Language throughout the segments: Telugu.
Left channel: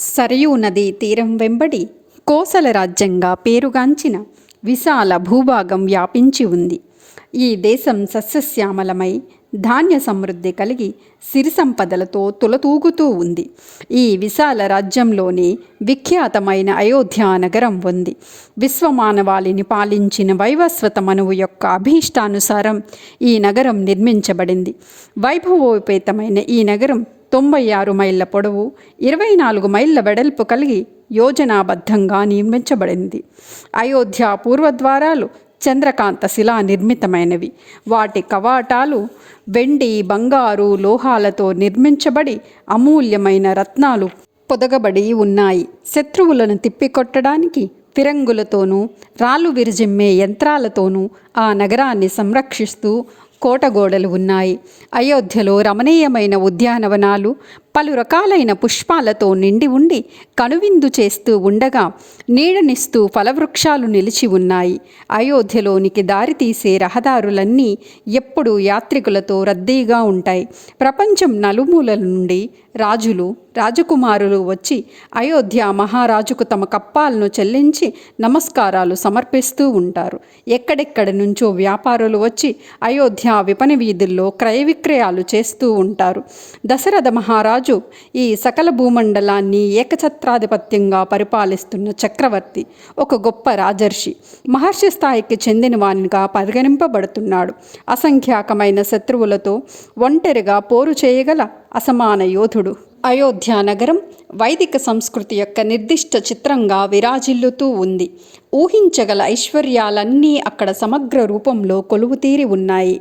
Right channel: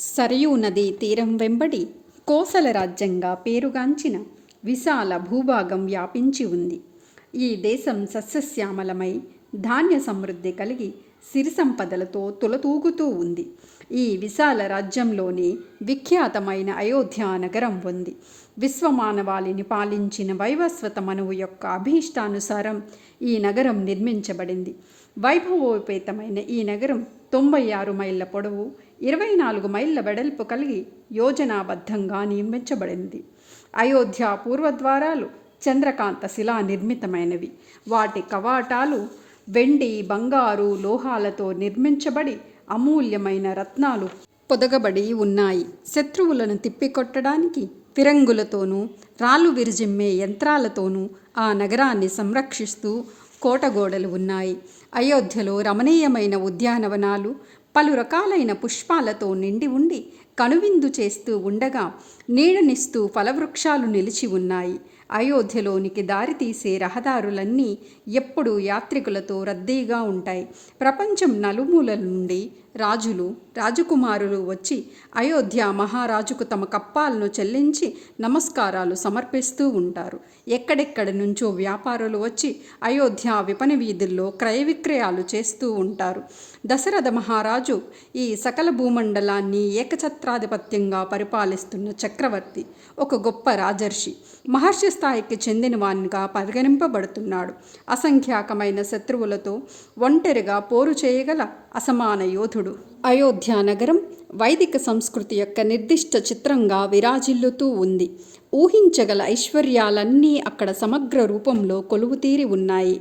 సరయూ నదీ తీరం వెంబడి కోసల రాజ్యంగా పేరుగాంచిన విశాల భూభాగం వ్యాపించి ఉంది. ఈ దేశం సస్యశ్యామలమై ధాన్య సమృద్ధి కలిగి సిరి సంపదలతో తులతూగుతూ ఉంది. ఈ విశాల రాజ్యంలోనే విఖ్యాతమైన అయోధ్య నగరం ఉంది. విశ్వమానవాళిని పాలించిన వైవస్వత మనువు యొక్క అభీష్టానుసారం ఈ నగరం నిర్మించబడింది. వైభవోపేతమైన ఈ నగరం 96 మైళ్ళ పొడవు, 24 మైళ్ళ వెడల్పు కలిగి యోజనాబద్ధంగా నిర్మించబడింది. అయోధ్య పూర్వద్వారాలు చంద్రకాంత శిలా నిర్మితమైనవి. వాటి కవాటాలు వెండి, బంగారు, లోహాలతో నిర్మించబడి అమూల్యమైన రత్నాలు పొదగబడి ఉన్నాయి. శత్రువులను తిప్పికొట్టడానికి ఫిరంగులతోనూ రాళ్ళు విరిజిమ్మే యంత్రాలతోనూ ఆ నగరాన్ని సంరక్షిస్తూ కోటగోడలు ఉన్నాయి. అయోధ్యలో రమణీయమైన ఉద్యానవనాలు పలు రకాలైన పుష్పాలతో నిండి ఉండి కనువిందు చేస్తూ ఉండగా నీడనిస్తూ ఫలవృక్షాలు నిలిచి ఉన్నాయి. అయోధ్యలోనికి దారితీసే రహదారులన్నీ ఎప్పుడూ యాత్రికులతో రద్దీగా ఉంటాయి. ప్రపంచం నలుమూలల నుండి రాజులు, రాజకుమారులు వచ్చి అయోధ్య మహారాజుకు తమ కప్పాలను చెల్లించి నమస్కారాలు సమర్పిస్తూ ఉంటారు. ఎక్కడెక్కడి నుంచో వ్యాపారులు వచ్చి అయోధ్య విపణి వీధుల్లో క్రయ విక్రయాలు చేస్తూ ఉంటారు. దశరథ మహారాజు ఈ సకల భూమండలాన్ని ఏకఛత్రాధిపత్యంగా పరిపాలిస్తున్న చక్రవర్తి, ఒక గొప్ప రాజర్షి, మహర్షి స్థాయికి చెందినవానిగా పరిగణింపబడుతున్నాడు. అసంఖ్యాకమైన శత్రువులతో ఒంటరిగా పోరు చేయగల అసమాన యోధుడు. అయోధ్య నగరం వైదిక సంస్కృతి యొక్క నిర్దిష్ట చిత్రంగా విరాజిల్లుతూ ఉంది. ఊహించగల ఐశ్వర్యాలన్నీ అక్కడ సమగ్ర రూపంలో కొలువుతీరి ఉన్నాయి.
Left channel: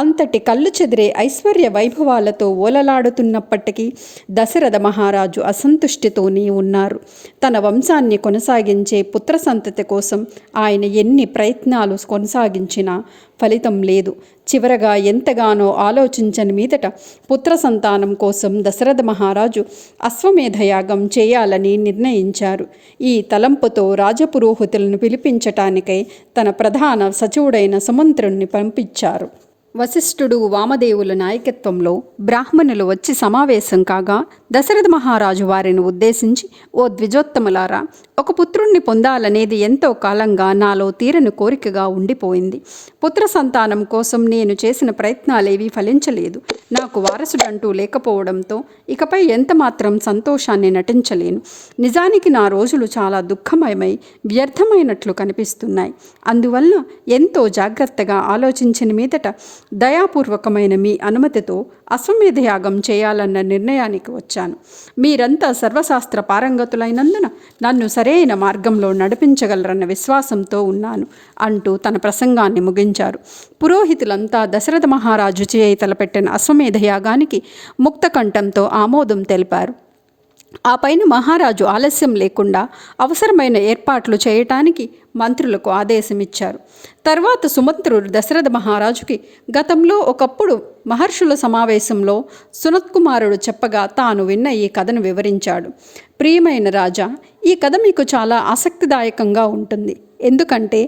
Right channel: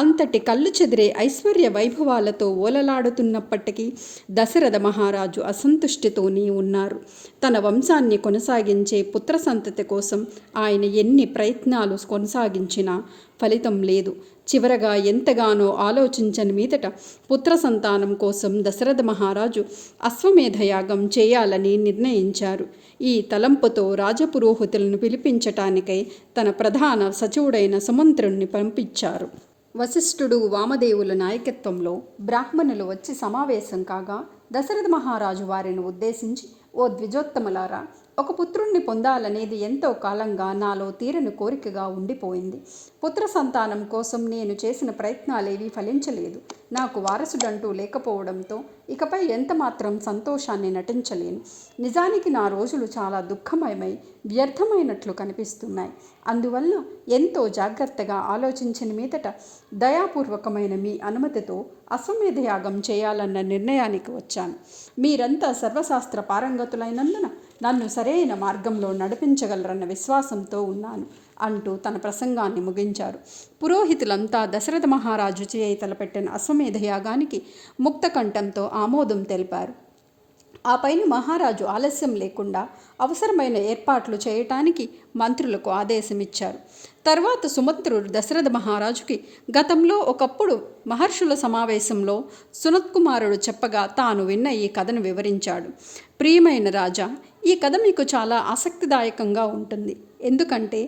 అంతటి కళ్ళు చెదిరే ఐశ్వర్య వైభవాలతో ఓలలాడుతున్నప్పటికీ దశరథ మహారాజు అసంతుష్టితోనే ఉన్నారు. తన వంశాన్ని కొనసాగించే పుత్ర సంతతి కోసం ఆయన ఎన్ని ప్రయత్నాలు కొనసాగించినా ఫలితం లేదు. చివరగా ఎంతగానో ఆలోచించని మీదట పుత్ర సంతానం కోసం దశరథ మహారాజు అశ్వమేధయాగం చేయాలని నిర్ణయించారు. ఈ తలంపుతో రాజపురోహితులను పిలిపించటానికై తన ప్రధాన సచివుడైన సుమంత్రుణ్ణి పంపించారు. వశిష్ఠుడు, వామదేవుల నాయకత్వంలో బ్రాహ్మణులు వచ్చి సమావేశం కాగా దశరథ మహారాజు వారిని ఉద్దేశించి, ఓ ద్విజోత్తములారా, ఒక పుత్రుణ్ణి పొందాలనేది ఎంతో కాలంగా నాలో తీరని కోరికగా ఉండిపోయింది. పుత్ర సంతానం కోసం నేను చేసిన ప్రయత్నాలేవీ ఫలించలేదు. నాకు వారసుడంటూ లేకపోవడంతో ఇకపై ఎంత మాత్రం సంతోషాన్ని నటించలేను. నిజానికి నా రోజులు చాలా దుఃఖమయమై వ్యర్థమైనట్లు కనిపిస్తున్నాయి. అందువల్ల ఎంతో జాగ్రత్తగా ఆలోచించిన మీదట దయాపూర్వకమైన మీ అనుమతితో అశ్వమేధయాగం చేయాలన్న నిర్ణయానికి వచ్చాను. మీరంతా సర్వశాస్త్ర పారంగతులైనందున నన్ను సరైన మార్గంలో నడిపించగలరన్న విశ్వాసంతో ఉన్నాను అంటూ తన ప్రసంగాన్ని ముగించారు. పురోహితులంతా దశరథ మహారాజు చేయి తలపెట్టిన అశ్వమేధయాగానికి ముక్తకంఠంతో ఆమోదం తెలిపారు. ఆ పైన మహారాజు ఆలస్యం లేకుండా అవసరమైన ఏర్పాట్లు చేయటానికి మంత్రులకు ఆదేశమిచ్చారు. తర్వాత సుమంత్రుడు దశరథ మహారాజుకి గతంలో ఒకప్పుడు మహర్షుల సమావేశంలో సునత్కుమారుడు చెప్పగా తాను విన్న ఈ కథను వివరించాడు. ప్రియమైన రాజా, ఈ కథ మీకు చాలా ఆసక్తిదాయకంగా ఉంటుంది. ఎందుకంటే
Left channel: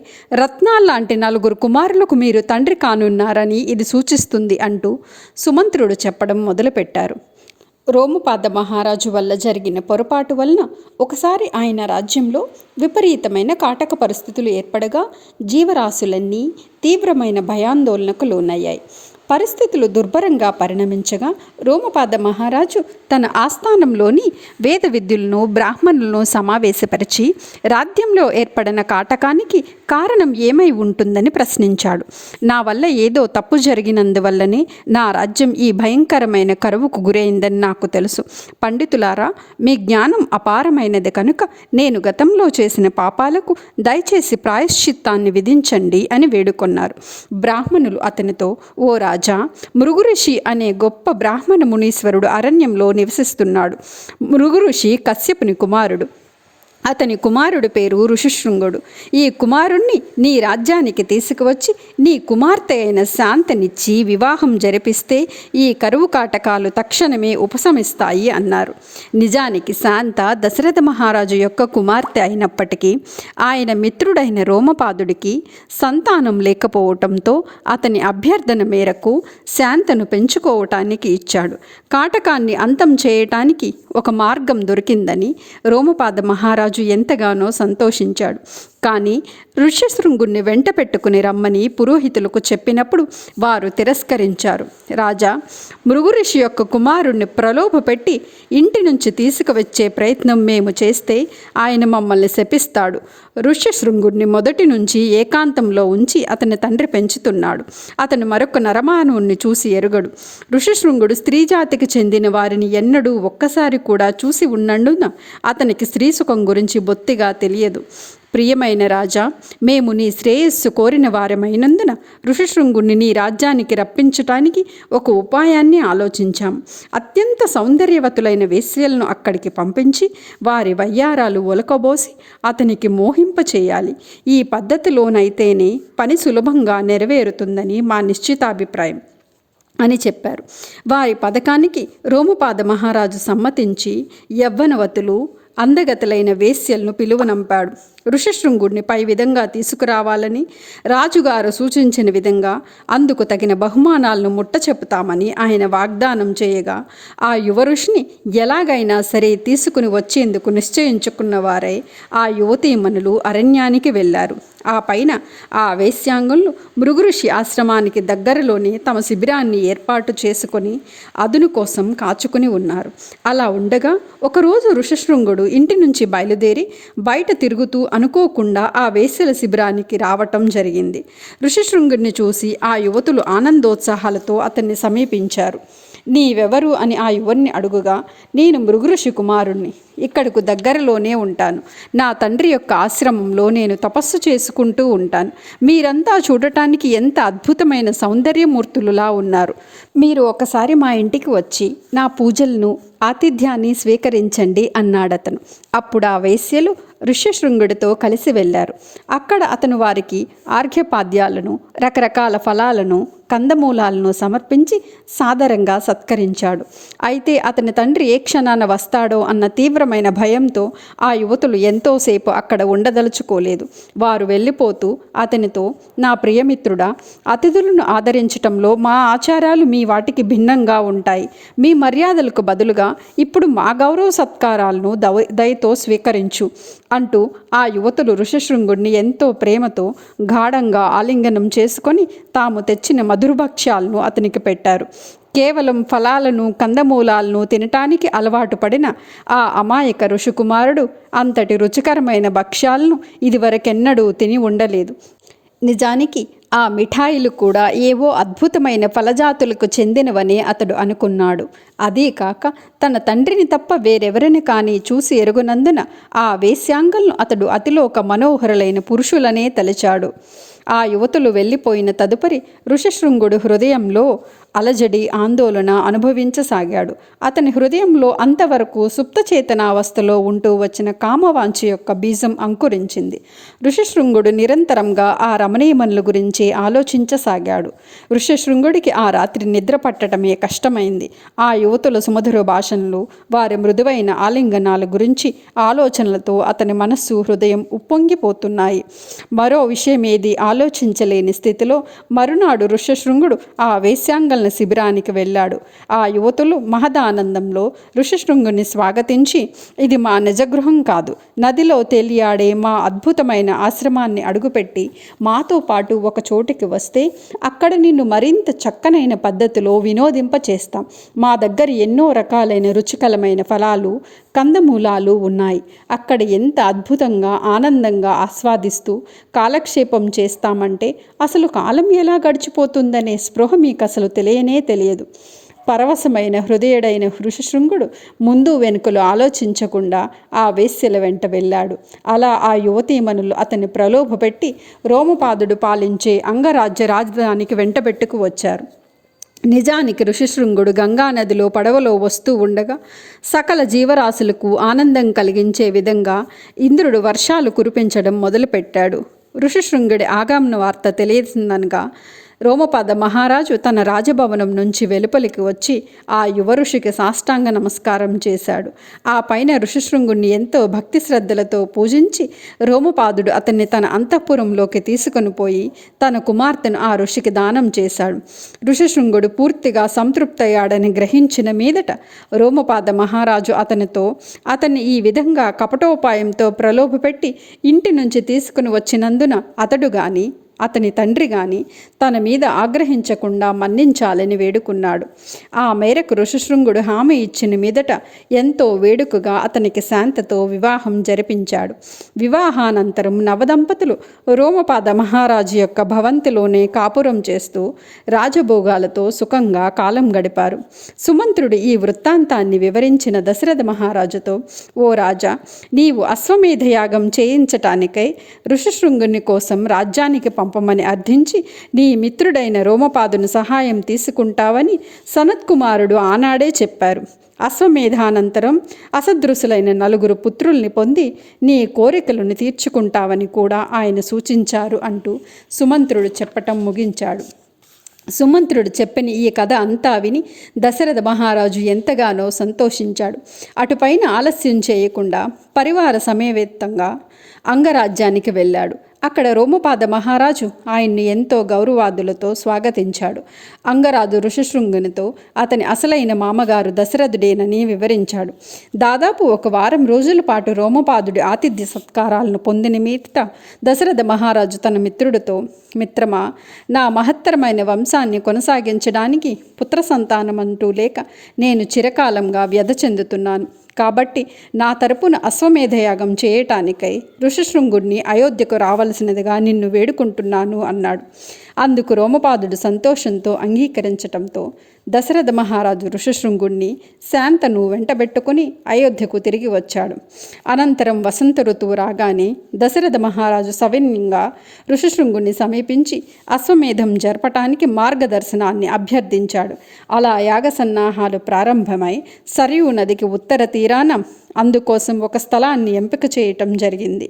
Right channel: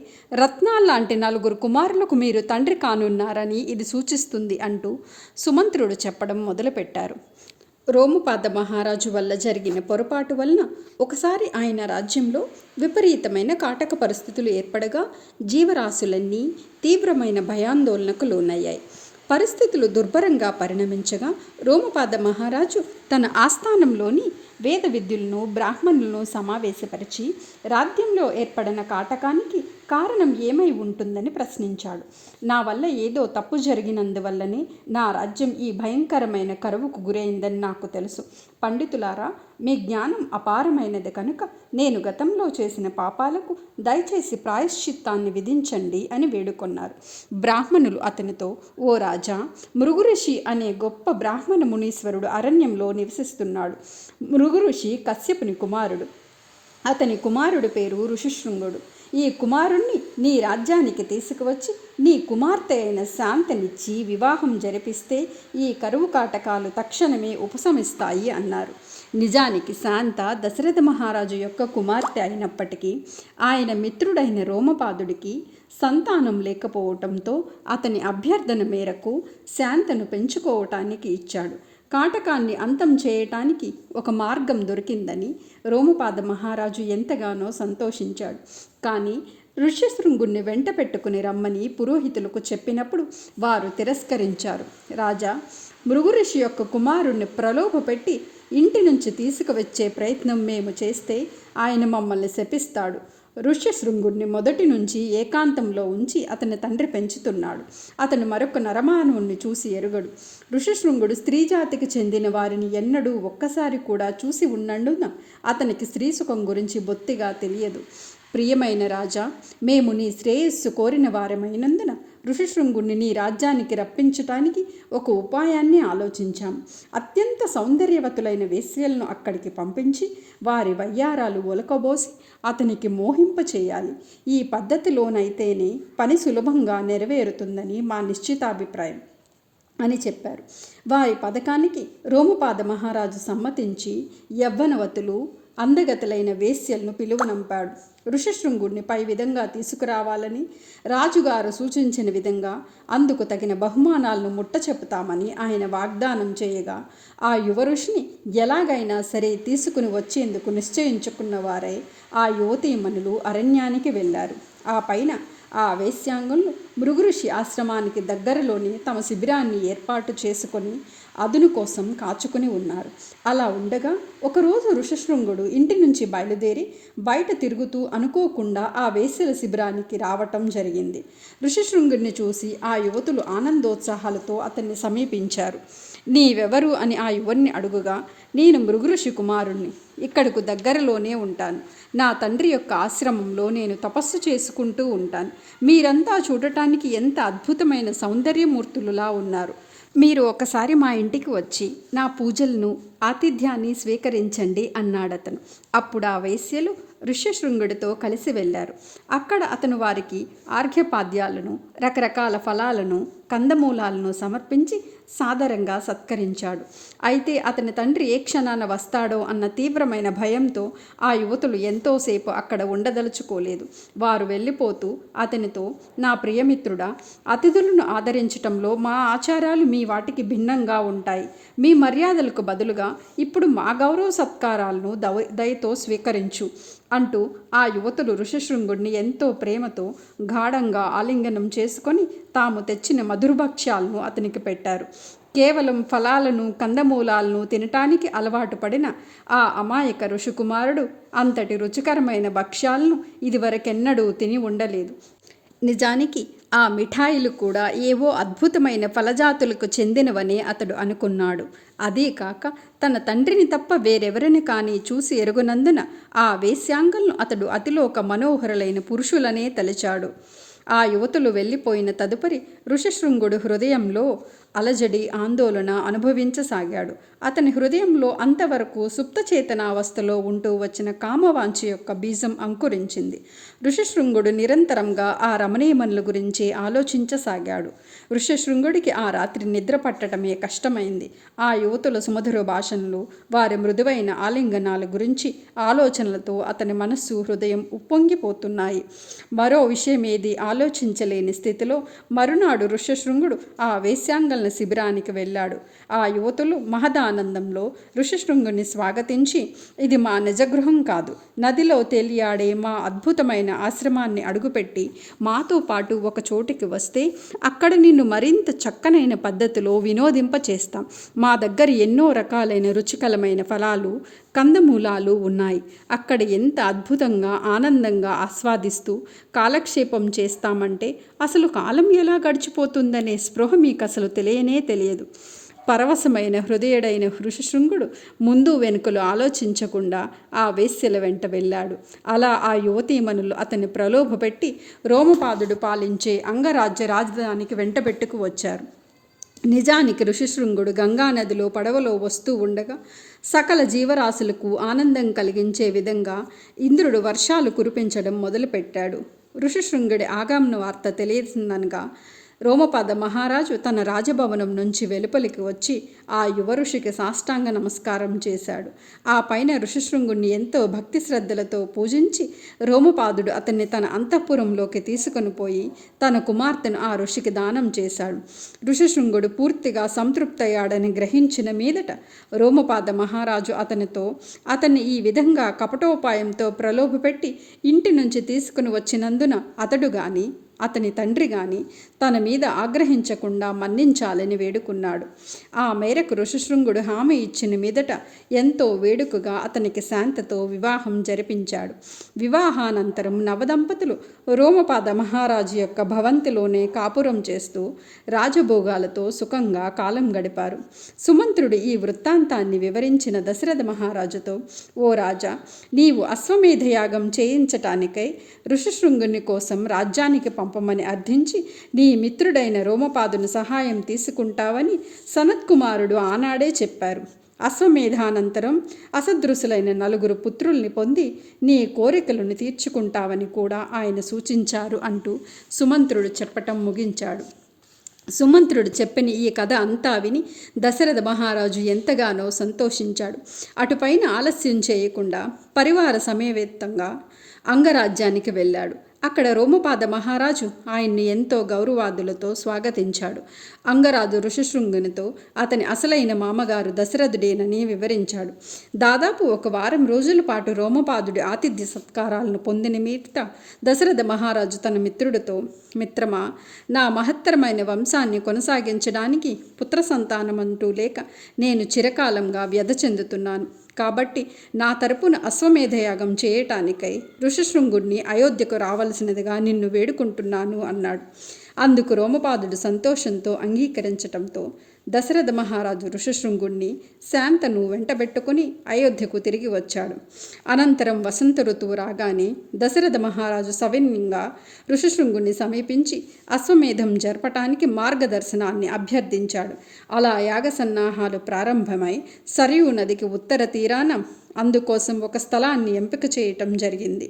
రత్నాల్లాంటి 4 కుమారులకు మీరు తండ్రి కానున్నారని ఇది సూచిస్తుంది అంటూ సుమంత్రుడు చెప్పడం మొదలుపెట్టారు. రోముపాద మహారాజు వల్ల జరిగిన పొరపాటు వలన ఒకసారి ఆయన రాజ్యంలో విపరీతమైన కాటక పరిస్థితులు ఏర్పడగా జీవరాశులన్నీ తీవ్రమైన భయాందోళనకు లోనయ్యాయి. పరిస్థితులు దుర్భరంగా పరిణమించగా రోమపాద మహారాజు తన ఆస్థానంలోని వేద విద్యులను, బ్రాహ్మణులను సమావేశపరిచి రాజ్యంలో ఏర్పడిన కాటకానికి కారణం ఏమై ఉంటుందని ప్రశ్నించాడు. నా వల్ల ఏదో తప్పు జరిగినందువల్లనే నా రాజ్యం ఈ భయంకరమైన కరువుకు గురైందని నాకు తెలుసు. పండితులారా, మీ జ్ఞానం అపారమైనది కనుక నేను గతంలో చేసిన పాపాలకు దయచేసి ప్రాయశ్చిత్తాన్ని విధించండి అని వేడుకొన్నారు. బ్రాహ్మణులు అతనితో, ఓ రాజా, మృగుఋషి అనే గొప్ప బ్రాహ్మణ మునీశ్వరుడు అరణ్యంలో నివసిస్తున్నాడు. మృగుఋషి కశ్యపుని కుమారుడు. అతని కుమారుడి పేరు ఋషిశృంగుడు. ఈ కుమారుణ్ణి నీ రాజ్యానికి తీసుకువచ్చి నీ కుమార్తె అయిన శాంతనిచ్చి వివాహం జరిపిస్తే ఈ కరువు కాటకాలు తక్షణమే ఉపశమిస్తాయి అన్నారు. నిజానికి శాంత దశరథ మహారాజు యొక్క కుమార్తె అయినప్పటికీ ఆయన మిత్రుడైన రోమపాదుడికి సంతానం లేకపోవటంతో అతని అభ్యర్థన మేరకు శాంతను పెంచుకోవటానికి ఇచ్చాడు. కాటకాన్ని అంతం చేయటానికి ఒక మార్గం దొరికిందని రోమపాద మహారాజు ఎంతగానో సంతోషించాడు. కానీ ఋష్యశృంగుణ్ణి వెంట పెట్టుకుని రమ్మని పురోహితులకు చెప్పినప్పుడు వారు తిరస్కరించారు. రాజా, మృగు ఋషి యొక్క కుమారుణ్ణి ప్రలోభపెట్టి ఇంటి నుంచి తీసుకువచ్చే ప్రయత్నం మేము చేస్తే ఆయన మమ్మల్ని శపిస్తాడు. ఋష్యశృంగుణ్ణి మొదటి నుంచి ఏకాంతంలో ఉంచి అతని తండ్రి పెంచుతున్నాడు. అతను మరొక నరమానవుణ్ణి చూసి ఎరుగడు. ఋషిశృంగుడు స్త్రీ జాతికి చెందిన వారిని ఎన్నడూ ఒక్కసారి కూడా చూసి ఉన్నందున అతనికి స్త్రీ సుఖం గురించి బొత్తిగా తెలియదు. ప్రియమైన రాజా, మేము నీ శ్రేయస్సు కోరిన వారమైనందున ఋషిశృంగుణ్ణి నీ రాజ్యానికి రప్పించటానికి ఒక ఉపాయాన్ని ఆలోచించాం. అత్యంత సౌందర్యవతులైన వేశ్యలను అక్కడికి పంపించి వారి వయ్యారాలు ఒలకబోసి అతనికి మోహింపచేయాలి. ఈ పద్ధతిలోనైతేనే పని సులభంగా నెరవేరుతుందని మా నిశ్చితాభిప్రాయం అని చెప్పారు. వారి పథకానికి రోమపాద మహారాజు సమ్మతించి యవ్వనవతులు అందగతులైన వేశ్యలను పిలువనంపాడు. ఋషిశృంగుడిని పై విధంగా తీసుకురావాలని రాజుగారు సూచించిన విధంగా అందుకు తగిన బహుమానాలను ముట్ట చెప్పుతామని ఆయన వాగ్దానం చేయగా ఆ యువ ఋషిని ఎలాగైనా సరే తీసుకుని వచ్చేందుకు నిశ్చయించుకున్న వారై ఆ యువతీమణులు అరణ్యానికి వెళ్ళారు. ఆ పైన ఆ వేశ్యాంగులు మృగుఋషి ఆశ్రమానికి దగ్గరలోనే తమ శిబిరాన్ని ఏర్పాటు చేసుకొని అదును కోసం కాచుకుని ఉన్నారు. అలా ఉండగా ఒకరోజు ఋషిశృంగుడు ఇంటి నుంచి బయలుదేరి బయట తిరుగుతూ అనుకోకుండా ఆ వేశ్యల శిబిరానికి రావటం జరిగింది. ఋషిశృంగుడిని చూసి ఆ యువతులు ఆనందోత్సాహాలతో అతన్ని సమీపించారు. నీవెవరు అని ఆ యువన్ని అడుగుగా, నేను మృగుఋషి కుమారుణ్ణి, ఇక్కడకు దగ్గరలోనే ఉంటాను. నా తండ్రి యొక్క ఆశ్రమంలో నేను తపస్సు చేసుకుంటూ ఉంటాను. మీరంతా చూడటానికి ఎంత అద్భుతమైన సౌందర్యమూర్తులులా ఉన్నారు. మీరు ఒకసారి మా ఇంటికి వచ్చి నా పూజలను ఆతిథ్యాన్ని స్వీకరించండి అన్నాడతను. అప్పుడు ఆ వేశ్యలు ఋష్యశృంగుడితో కలిసి వెళ్ళారు. అక్కడ అతను వారికి ఆర్ఘ్యపాద్యాలను, రకరకాల ఫలాలను, కందమూలాలను సమర్పించి సాదరంగా సత్కరించాడు. అయితే అతని తండ్రి ఏ క్షణాన వస్తాడో అన్న తీవ్రమైన భయంతో ఆ యువతులు ఎంతోసేపు అక్కడ ఉండదలుచుకోలేదు. వారు వెళ్ళిపోతూ అతనితో, నా ప్రియమిత్రుడా, అతిథులను ఆదరించటంలో మా ఆచారాలు మీ వాటికి భిన్నంగా ఉంటాయి. మీ మర్యాదలకు బదులుగా ఇప్పుడు మా గౌరవ సత్కారాలను దయతో స్వీకరించు అంటూ ఆ యువతులు ఋషిశృంగుడిని ఎంతో ప్రేమతో గాఢంగా ఆలింగనం చేసుకొని తాము తెచ్చిన మధురభక్ష్యాలను అతనికి పెట్టారు. కేవలం ఫలాలను, కందమూలాలను తినటానికి అలవాటు పడిన ఆ అమాయక ఋషికుమారుడు అంతటి రుచికరమైన భక్ష్యాలను ఇదివరకెన్నడూ తిని ఉండలేదు. నిజానికి ఆ మిఠాయిలు కూడా ఏవో అద్భుతమైన ఫలజాతులకు చెందినవనే అతడు అనుకున్నాడు. అదే కాక తన తండ్రిని తప్ప వేరెవరిని కానీ చూసి ఎరుగునందున ఆ వేశ్యాంగలను అతడు అతిలోక మనోహరులైన పురుషులనే తలచాడు. ఆ యువతులు వెళ్ళిపోయిన తదుపరి ఋషిశృంగుడు హృదయంలో అలజడి, ఆందోళన అనుభవించసాగాడు. అతని హృదయంలో అంతవరకు సుప్తచేతనావస్థలో ఉంటూ వచ్చిన కామవాంఛ యొక్క బీజం అంకురించింది. ఋషిశృంగుడు నిరంతరంగా ఆ రమణీయమణుల గురించి ఆలోచించసాగాడు. ఋషిశృంగుడికి ఆ రాత్రి నిద్ర పట్టడమే కష్టమైంది. ఆ యువతుల సుమధుర భాషణలు, వారి మృదువైన ఆలింగనాల గురించి ఆలోచనలతో అతని మనస్సు, హృదయం ఉప్పొంగిపోతున్నాయి. మరో విషయమేది ఆలోచించలేని స్థితిలో మరునాడు ఋషిశృంగుడు ఆ వేశ్యాంగల శిబిరానికి వెళ్ళాడు. ఆ యువతులు మహదానందంలో ఋషిశృంగుని స్వాగతించి, ఇది మా నిజగృహం కాదు, నదిలో తేలియాడే మా అద్భుతమైన ఆశ్రమాన్ని అడుగుపెట్టి మాతో పాటు ఒక చోటికి వస్తే అక్కడ నిన్ను మరింత చక్కనైన పద్ధతిలో వినోదింపచేస్తాం. మా దగ్గర ఎన్నో రకాలైన రుచికరమైన ఫలాలు, కందమూలాలు ఉన్నాయి. అక్కడ ఎంత అద్భుతంగా, ఆనందంగా ఆస్వాదిస్తూ కాలక్షేపం చేస్తామంటే అసలు కాలం ఎలా గడిచిపోతుందనే స్పృహ మీకు అసలు తెలియనే తెలియదు. పరవశమైన హృదయుడైన ఋషిశృంగుడు ముందు వెనుకలు ఆలోచించకుండా ఆ వేశ్యల వెంట వెళ్ళాడు. అలా ఆ యువతీమణులు అతన్ని ప్రలోభపెట్టి రోమపాదుడు పాలించే అంగరాజ్య రాజధానికి వెంటబెట్టుకు వచ్చారు. నిజానికి ఋషిశృంగుడు గంగానదిలో పడవలో వస్తూ ఉండగా సకల జీవరాశులకు ఆనందం కలిగించే విధంగా ఇంద్రుడు వర్షాలు కురిపించడం మొదలుపెట్టాడు. ఋషిశృంగుడి ఆగమన వార్త తెలిసిందనగా రోమపాద మహారాజు తన రాజభవనం నుంచి వెలుపలికి వచ్చి ఆ యువ ఋషికి సాష్టాంగ నమస్కారం చేశాడు. ఆ పైన ఋషిశృంగుణ్ణి ఎంతో భక్తి శ్రద్ధలతో పూజించి రోమపాదుడు అతన్ని తన అంతఃపురంలోకి తీసుకొని పోయి తన కుమార్తెను ఆ ఋషికి దానం చేశాడు. ఋషిశృంగుడు పూర్తిగా సంతృప్తయ్యాడని గ్రహించిన మీదట రోమపాద మహారాజు అతన్ని ఈ విధంగా కపటోపాయంతో ప్రలోభపెట్టి ఇంటి నుంచి తీసుకుని వచ్చినందున అతడు గాని అతని తండ్రి గాని తన మీద ఆగ్రహించకుండా మన్నించాలని వేడుకున్నాడు. ఆ మేరకు ఋషిశృంగుడు హామీ ఇచ్చిన మీదట ఎంతో వేడుకగా అతనికి శాంతతో వివాహం జరిపించాడు. వివాహానంతరం నవదంపతులు రోమపాద మహారాజు యొక్క భవంతిలోనే కాపురం చేస్తూ రాజభోగాలతో సుఖంగా కాలం గడిపారు. సుమంత్రుడు ఈ వృత్తాంతాన్ని వివరించిన దశరథ మహారాజుతో, ఓ రాజా, నీవు అశ్వమేధయాగం చేయించటానికై ఋషిశృంగుని కోసం రాజ్యానికి పంపమని అర్థించి నీ మిత్రుడైన రోమపాదుని సహాయం తీసుకుంటావని సనత్కుమారుడు ఆనాడే చెప్పారు. అశ్వమేధానంతరం అసదృశులైన 4 పుత్రుల్ని పొంది నీ కోరికలను తీర్చుకుంటావని కూడా ఆయన సూచించారు అంటూ సుమంత్రుడు చెప్పటం ముగించాడు. సుమంత్రుడు చెప్పిన ఈ కథ అంతా విని దశరథ మహారాజు ఎంతగానో సంతోషించాడు. అటుపైన ఆలస్యం చేయకుండా పరివార సమేతంగా అంగరాజ్యానికి వెళ్ళాడు. అక్కడ రోమపాద మహారాజు ఆయన్ని ఎంతో గౌరవాదులతో స్వాగతించాడు. అంగరాజు ఋషిశృంగునితో అతని అసలైన మామగారు దశరథుడేనని వివరించాడు. దాదాపు 1 వారం రోజుల పాటు రోమపాదుడి ఆతిథ్య సత్కారాలను పొందిన మీదట దశరథ మహారాజు తన మిత్రుడితో, మిత్రమా, నా మహత్తరమైన వంశాన్ని కొనసాగించడానికి పుత్ర సంతానమంటూ లేక నేను చిరకాలంగా వ్యధ చెందుతున్నాను. కాబట్టి నా తరపున అశ్వమేధయాగం చేయటానికై ఋషిశృంగుడిని అయోధ్యకు రావలసినదిగా నిన్ను వేడుకుంటున్నాను అన్నాడు. అందుకు రోమపాదుడు సంతోషంతో అంగీకరించటంతో దశరథ మహారాజు ఋషిశృంగుణ్ణి శాంతను వెంటబెట్టుకుని అయోధ్యకు తిరిగి వచ్చాడు. అనంతరం వసంత ఋతువు రాగానే దశరథ మహారాజు సవినయంగా ఋషిశృంగుణ్ణి సమీపించి అశ్వమేధం జరపటానికి మార్గదర్శనాన్ని అభ్యర్థించాడు. అలా యాగ సన్నాహాలు ప్రారంభమై సరయూ నదికి ఉత్తర తీరాన అందుకోసం ఒక స్థలాన్ని ఎంపిక చేయటం జరిగింది.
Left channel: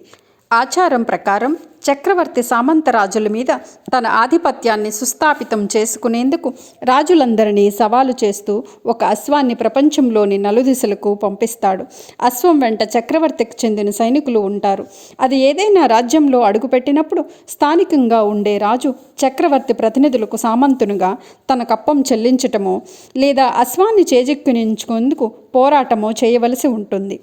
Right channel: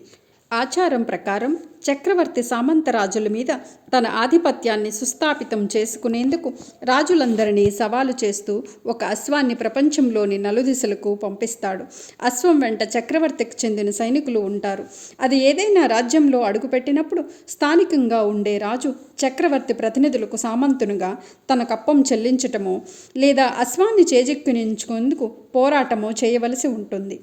ఆచారం ప్రకారం చక్రవర్తి సామంతరాజుల మీద తన ఆధిపత్యాన్ని సుస్థాపితం చేసుకునేందుకు రాజులందరినీ సవాలు చేస్తూ ఒక అశ్వాన్ని ప్రపంచంలోని నలుదిశలకు పంపిస్తాడు. అశ్వం వెంట చక్రవర్తికి చెందిన సైనికులు ఉంటారు. అది ఏదైనా రాజ్యంలో అడుగుపెట్టినప్పుడు స్థానికంగా ఉండే రాజు చక్రవర్తి ప్రతినిధులకు సామంతునిగా తన కప్పం చెల్లించటమో లేదా అశ్వాన్ని చేజిక్కించుకుందుకు పోరాటమో చేయవలసి ఉంటుంది.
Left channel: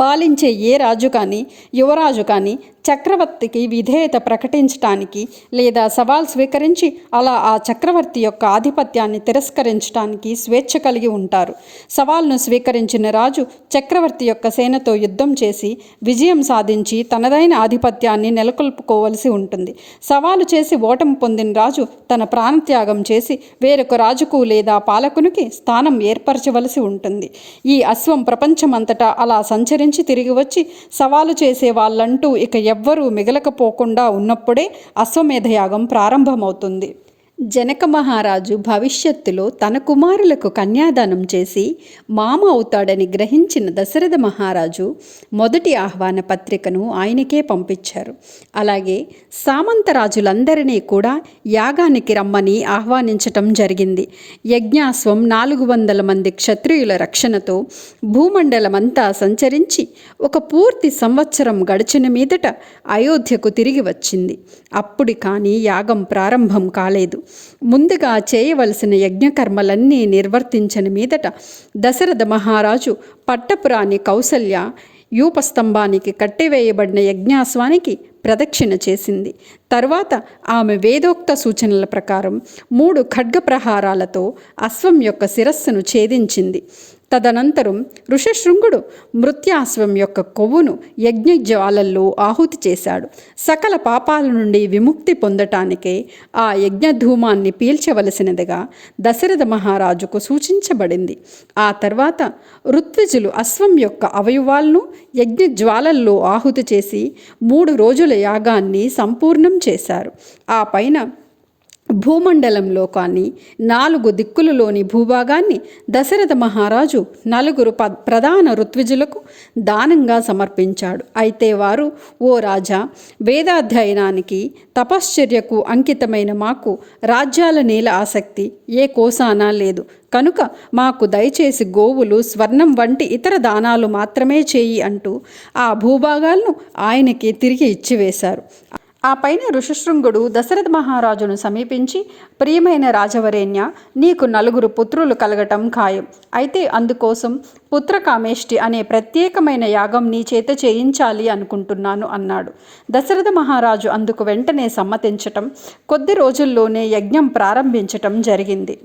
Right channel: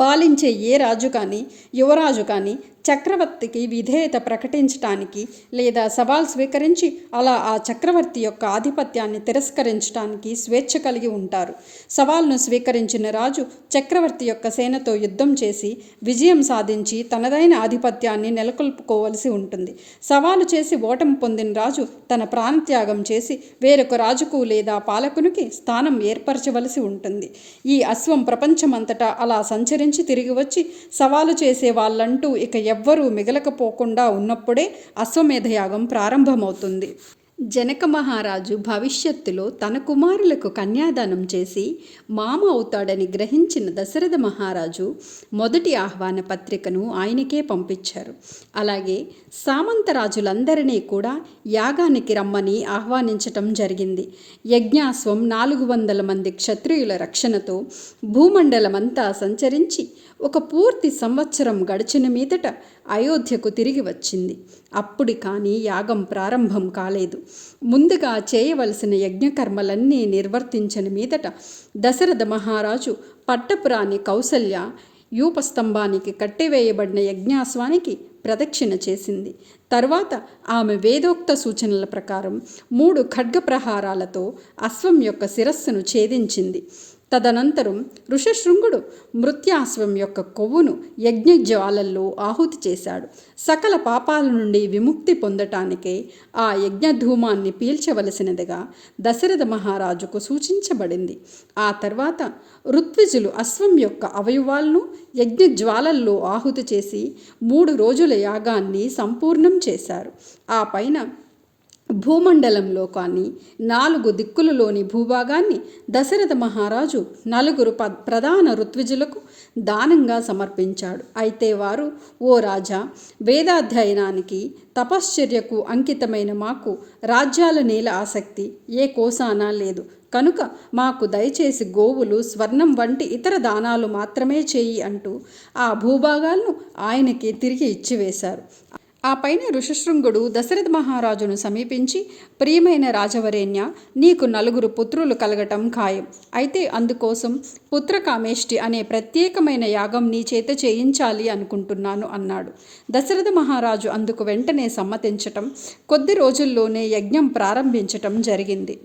పాలించే ఏ రాజు కానీ యువరాజు కానీ చక్రవర్తికి విధేయత ప్రకటించటానికి లేదా సవాల్ స్వీకరించి అలా ఆ చక్రవర్తి యొక్క ఆధిపత్యాన్ని తిరస్కరించడానికి స్వేచ్ఛ కలిగి ఉంటారు. సవాల్ను స్వీకరించిన రాజు చక్రవర్తి యొక్క సేనతో యుద్ధం చేసి విజయం సాధించి తనదైన ఆధిపత్యాన్ని నెలకొల్పుకోవలసి ఉంటుంది. సవాలు చేసి ఓటమి పొందిన రాజు తన ప్రాణత్యాగం చేసి వేరొక రాజుకు లేదా పాలకునికి స్థానం ఏర్పరచవలసి ఉంటుంది. ఈ అశ్వం ప్రపంచమంతటా అలా సంచరించి తిరిగి వచ్చి సవాలు చేసే వాళ్ళంటూ ఇక ఎవ్వరూ మిగలకపోకుండా ఉన్నప్పుడే అశ్వమేధయాగం ప్రారంభమవుతుంది. జనక మహారాజు భవిష్యత్తులో తన కుమారులకు కన్యాదానం చేసి మామ అవుతాడని గ్రహించిన దశరథ మహారాజు మొదటి ఆహ్వాన పత్రికను ఆయనకే పంపించారు. అలాగే సామంతరాజులందరినీ కూడా యాగానికి రమ్మని ఆహ్వానించటం జరిగింది. యజ్ఞాశ్వం 400 మంది క్షత్రియుల రక్షణతో భూమండలమంతా సంచరించి ఒక పూర్తి సంవత్సరం గడిచిన మీదట అయోధ్యకు తిరిగి వచ్చింది. అప్పుడు కానీ యాగం ప్రారంభం కాలేదు. ముందుగా చేయవలసిన యజ్ఞకర్మలన్నీ నిర్వర్తించిన మీదట దశరథ మహారాజు పట్టపురాణి కౌసల్య యూపస్తంభానికి కట్టివేయబడిన యజ్ఞాశ్వానికి ప్రదక్షిణ చేసింది. తర్వాత ఆమె వేదోక్త సూచనల ప్రకారం 3 ఖడ్గ ప్రహారాలతో అశ్వం యొక్క శిరస్సును ఛేదించింది. తదనంతరం ఋషిశృంగుడు మృత్యాశ్వం యొక్క కొవ్వును యజ్ఞజ్వాలల్లో ఆహుతి చేశాడు. సకల పాపాల నుండి విముక్తి పొందటానికే ఆ యజ్ఞధూమాన్ని పీల్చవలసినదిగా దశరథ మహారాజుకు సూచించబడింది. ఆ తర్వాత ఋత్విజులు అశ్వం యొక్క అవయవాలను యజ్ఞజ్వాలల్లో ఆహుతి చేసి 3 రోజుల యాగాన్ని సంపూర్ణం చేశారు. ఆ పైన భూమండలంలో కానీ 4 దిక్కులలోని భూభాగాన్ని దశరథ మహారాజు 4 ప్రధాన ఋత్విజులకు దానంగా సమర్పించాడు. అయితే వారు, ఓ రాజా, వేదాధ్యయనానికి తపశ్చర్యకు అంకితమైన మాకు రాజ్యాల నేల ఆసక్తి ఏ కోసానా లేదు కనుక మాకు దయచేసి గోవులు, స్వర్ణం వంటి ఇతర దానాలు మాత్రమే చేయి అంటూ ఆ భూభాగాలను ఆయనకి తిరిగి ఇచ్చివేశారు. ఆ పైన ఋషిశృంగుడు దశరథ మహారాజును సమీపించి, ప్రియమైన రాజవరేణ్య, నీకు 4 పుత్రులు కలగటం ఖాయం. అయితే అందుకోసం పుత్రకామేష్టి అనే ప్రత్యేకమైన యాగం నీ చేత చేయించాలి అనుకుంటున్నాను అన్నాడు. దశరథ మహారాజు అందుకు వెంటనే సమ్మతించటం, కొద్ది రోజుల్లోనే యజ్ఞం ప్రారంభించటం జరిగింది.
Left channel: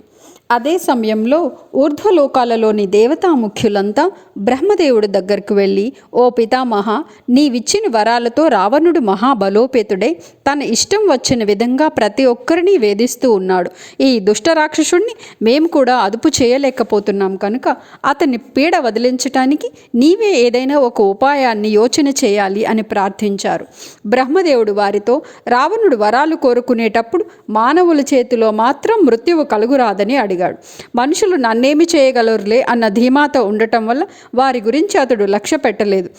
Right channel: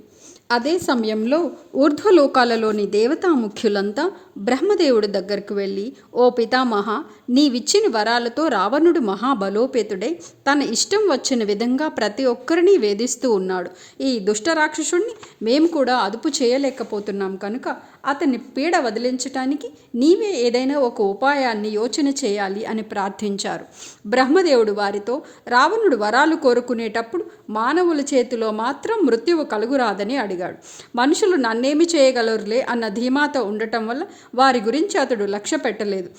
అదే సమయంలో ఊర్ధ్వలోకాలలోని దేవతాముఖ్యులంతా బ్రహ్మదేవుడి దగ్గరకు వెళ్ళి, ఓ పితామహ, నీవిచ్చిన వరాలతో రావణుడు మహాబలోపేతుడై తన ఇష్టం వచ్చిన విధంగా ప్రతి ఒక్కరిని వేధిస్తూ ఉన్నాడు. ఈ దుష్టరాక్షసుణ్ణి మేము కూడా అదుపు చేయలేకపోతున్నాం కనుక అతన్ని పీడ వదిలించటానికి నీవే ఏదైనా ఒక ఉపాయాన్ని యోచన చేయాలి అని ప్రార్థించారు. బ్రహ్మదేవుడు వారితో, రావణుడు వరాలు కోరుకునేటప్పుడు మానవుల చేతిలో మాత్రం మృత్యువు కలుగురాదని అడిగాడు. మనుషులు నన్నేమి చేయగలరులే అన్న ధీమాతో ఉండటం వల్ల వారి గురించి అతడు లక్ష్య పెట్టలేదు.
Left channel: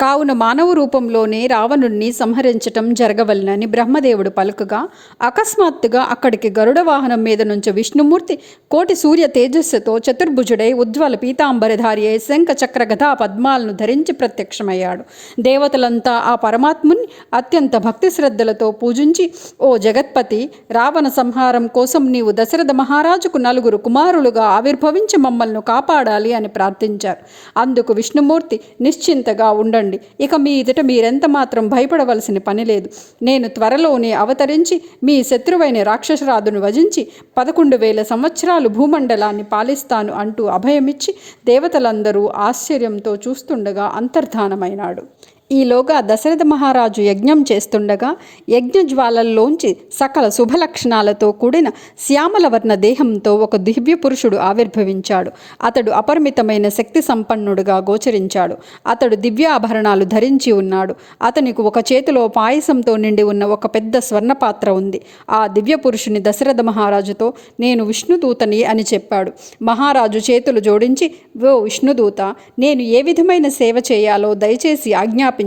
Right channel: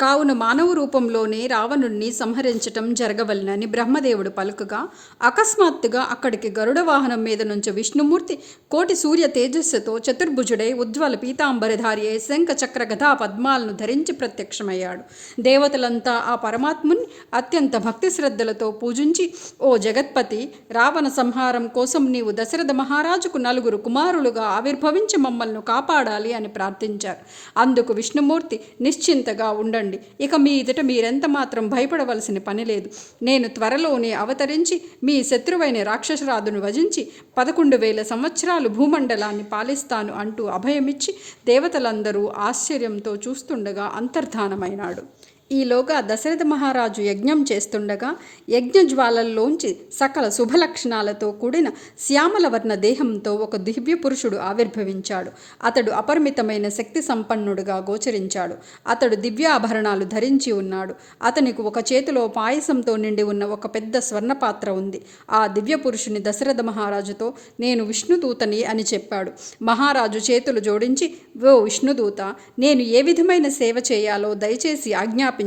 కావున మానవ రూపంలోనే రావణుణ్ణి సంహరించటం జరగవలనని బ్రహ్మదేవుడు పలుకగా, అకస్మాత్తుగా అక్కడికి గరుడ వాహనం మీద నుంచి విష్ణుమూర్తి కోటి సూర్య తేజస్సుతో చతుర్భుజుడై ఉజ్వల పీతాంబరధారి అయి శంఖ చక్ర గదా పద్మాలను ధరించి ప్రత్యక్షమయ్యాడు. దేవతలంతా ఆ పరమాత్ముని అత్యంత భక్తి శ్రద్ధలతో పూజించి, ఓ జగత్పతి, రావణ సంహారం కోసం నీవు దశరథ మహారాజుకు 4 కుమారులుగా ఆవిర్భవించి మమ్మల్ని కాపాడాలి అని ప్రార్థించారు. అందుకు విష్ణుమూర్తి, నిశ్చింతగా ఉండండి, ఇక మీ ఎదుట మీరెంత మాత్రం భయపడవలసిన పని లేదు. నేను త్వరలోనే అవతరించి మీ శత్రువైన రాక్షసరాజును వజించి 11,000 సంవత్సరాలు భూమండలాన్ని పాలిస్తాను అంటూ అభయమిచ్చి దేవతలందరూ ఆశ్చర్యంతో చూస్తుండగా అంతర్ధానమైనాడు. ఈలోగా దశరథ మహారాజు యజ్ఞం చేస్తుండగా యజ్ఞజ్వాలల్లోంచి సకల శుభలక్షణాలతో కూడిన శ్యామలవర్ణ దేహంతో ఒక దివ్య పురుషుడు ఆవిర్భవించాడు. అతడు అపరిమితమైన శక్తి సంపన్నుడుగా గోచరించాడు. అతడు దివ్యాభరణాలు ధరించి ఉన్నాడు. అతనికి ఒక చేతిలో పాయసంతో నిండి ఉన్న ఒక పెద్ద స్వర్ణపాత్ర ఉంది. ఆ దివ్య పురుషుని దశరథ మహారాజుతో, నేను విష్ణుదూతని అని చెప్పాడు. మహారాజు చేతులు జోడించి, ఓ విష్ణుదూత, నేను ఏ విధమైన సేవ చేయాలో దయచేసి ఆజ్ఞాపించండి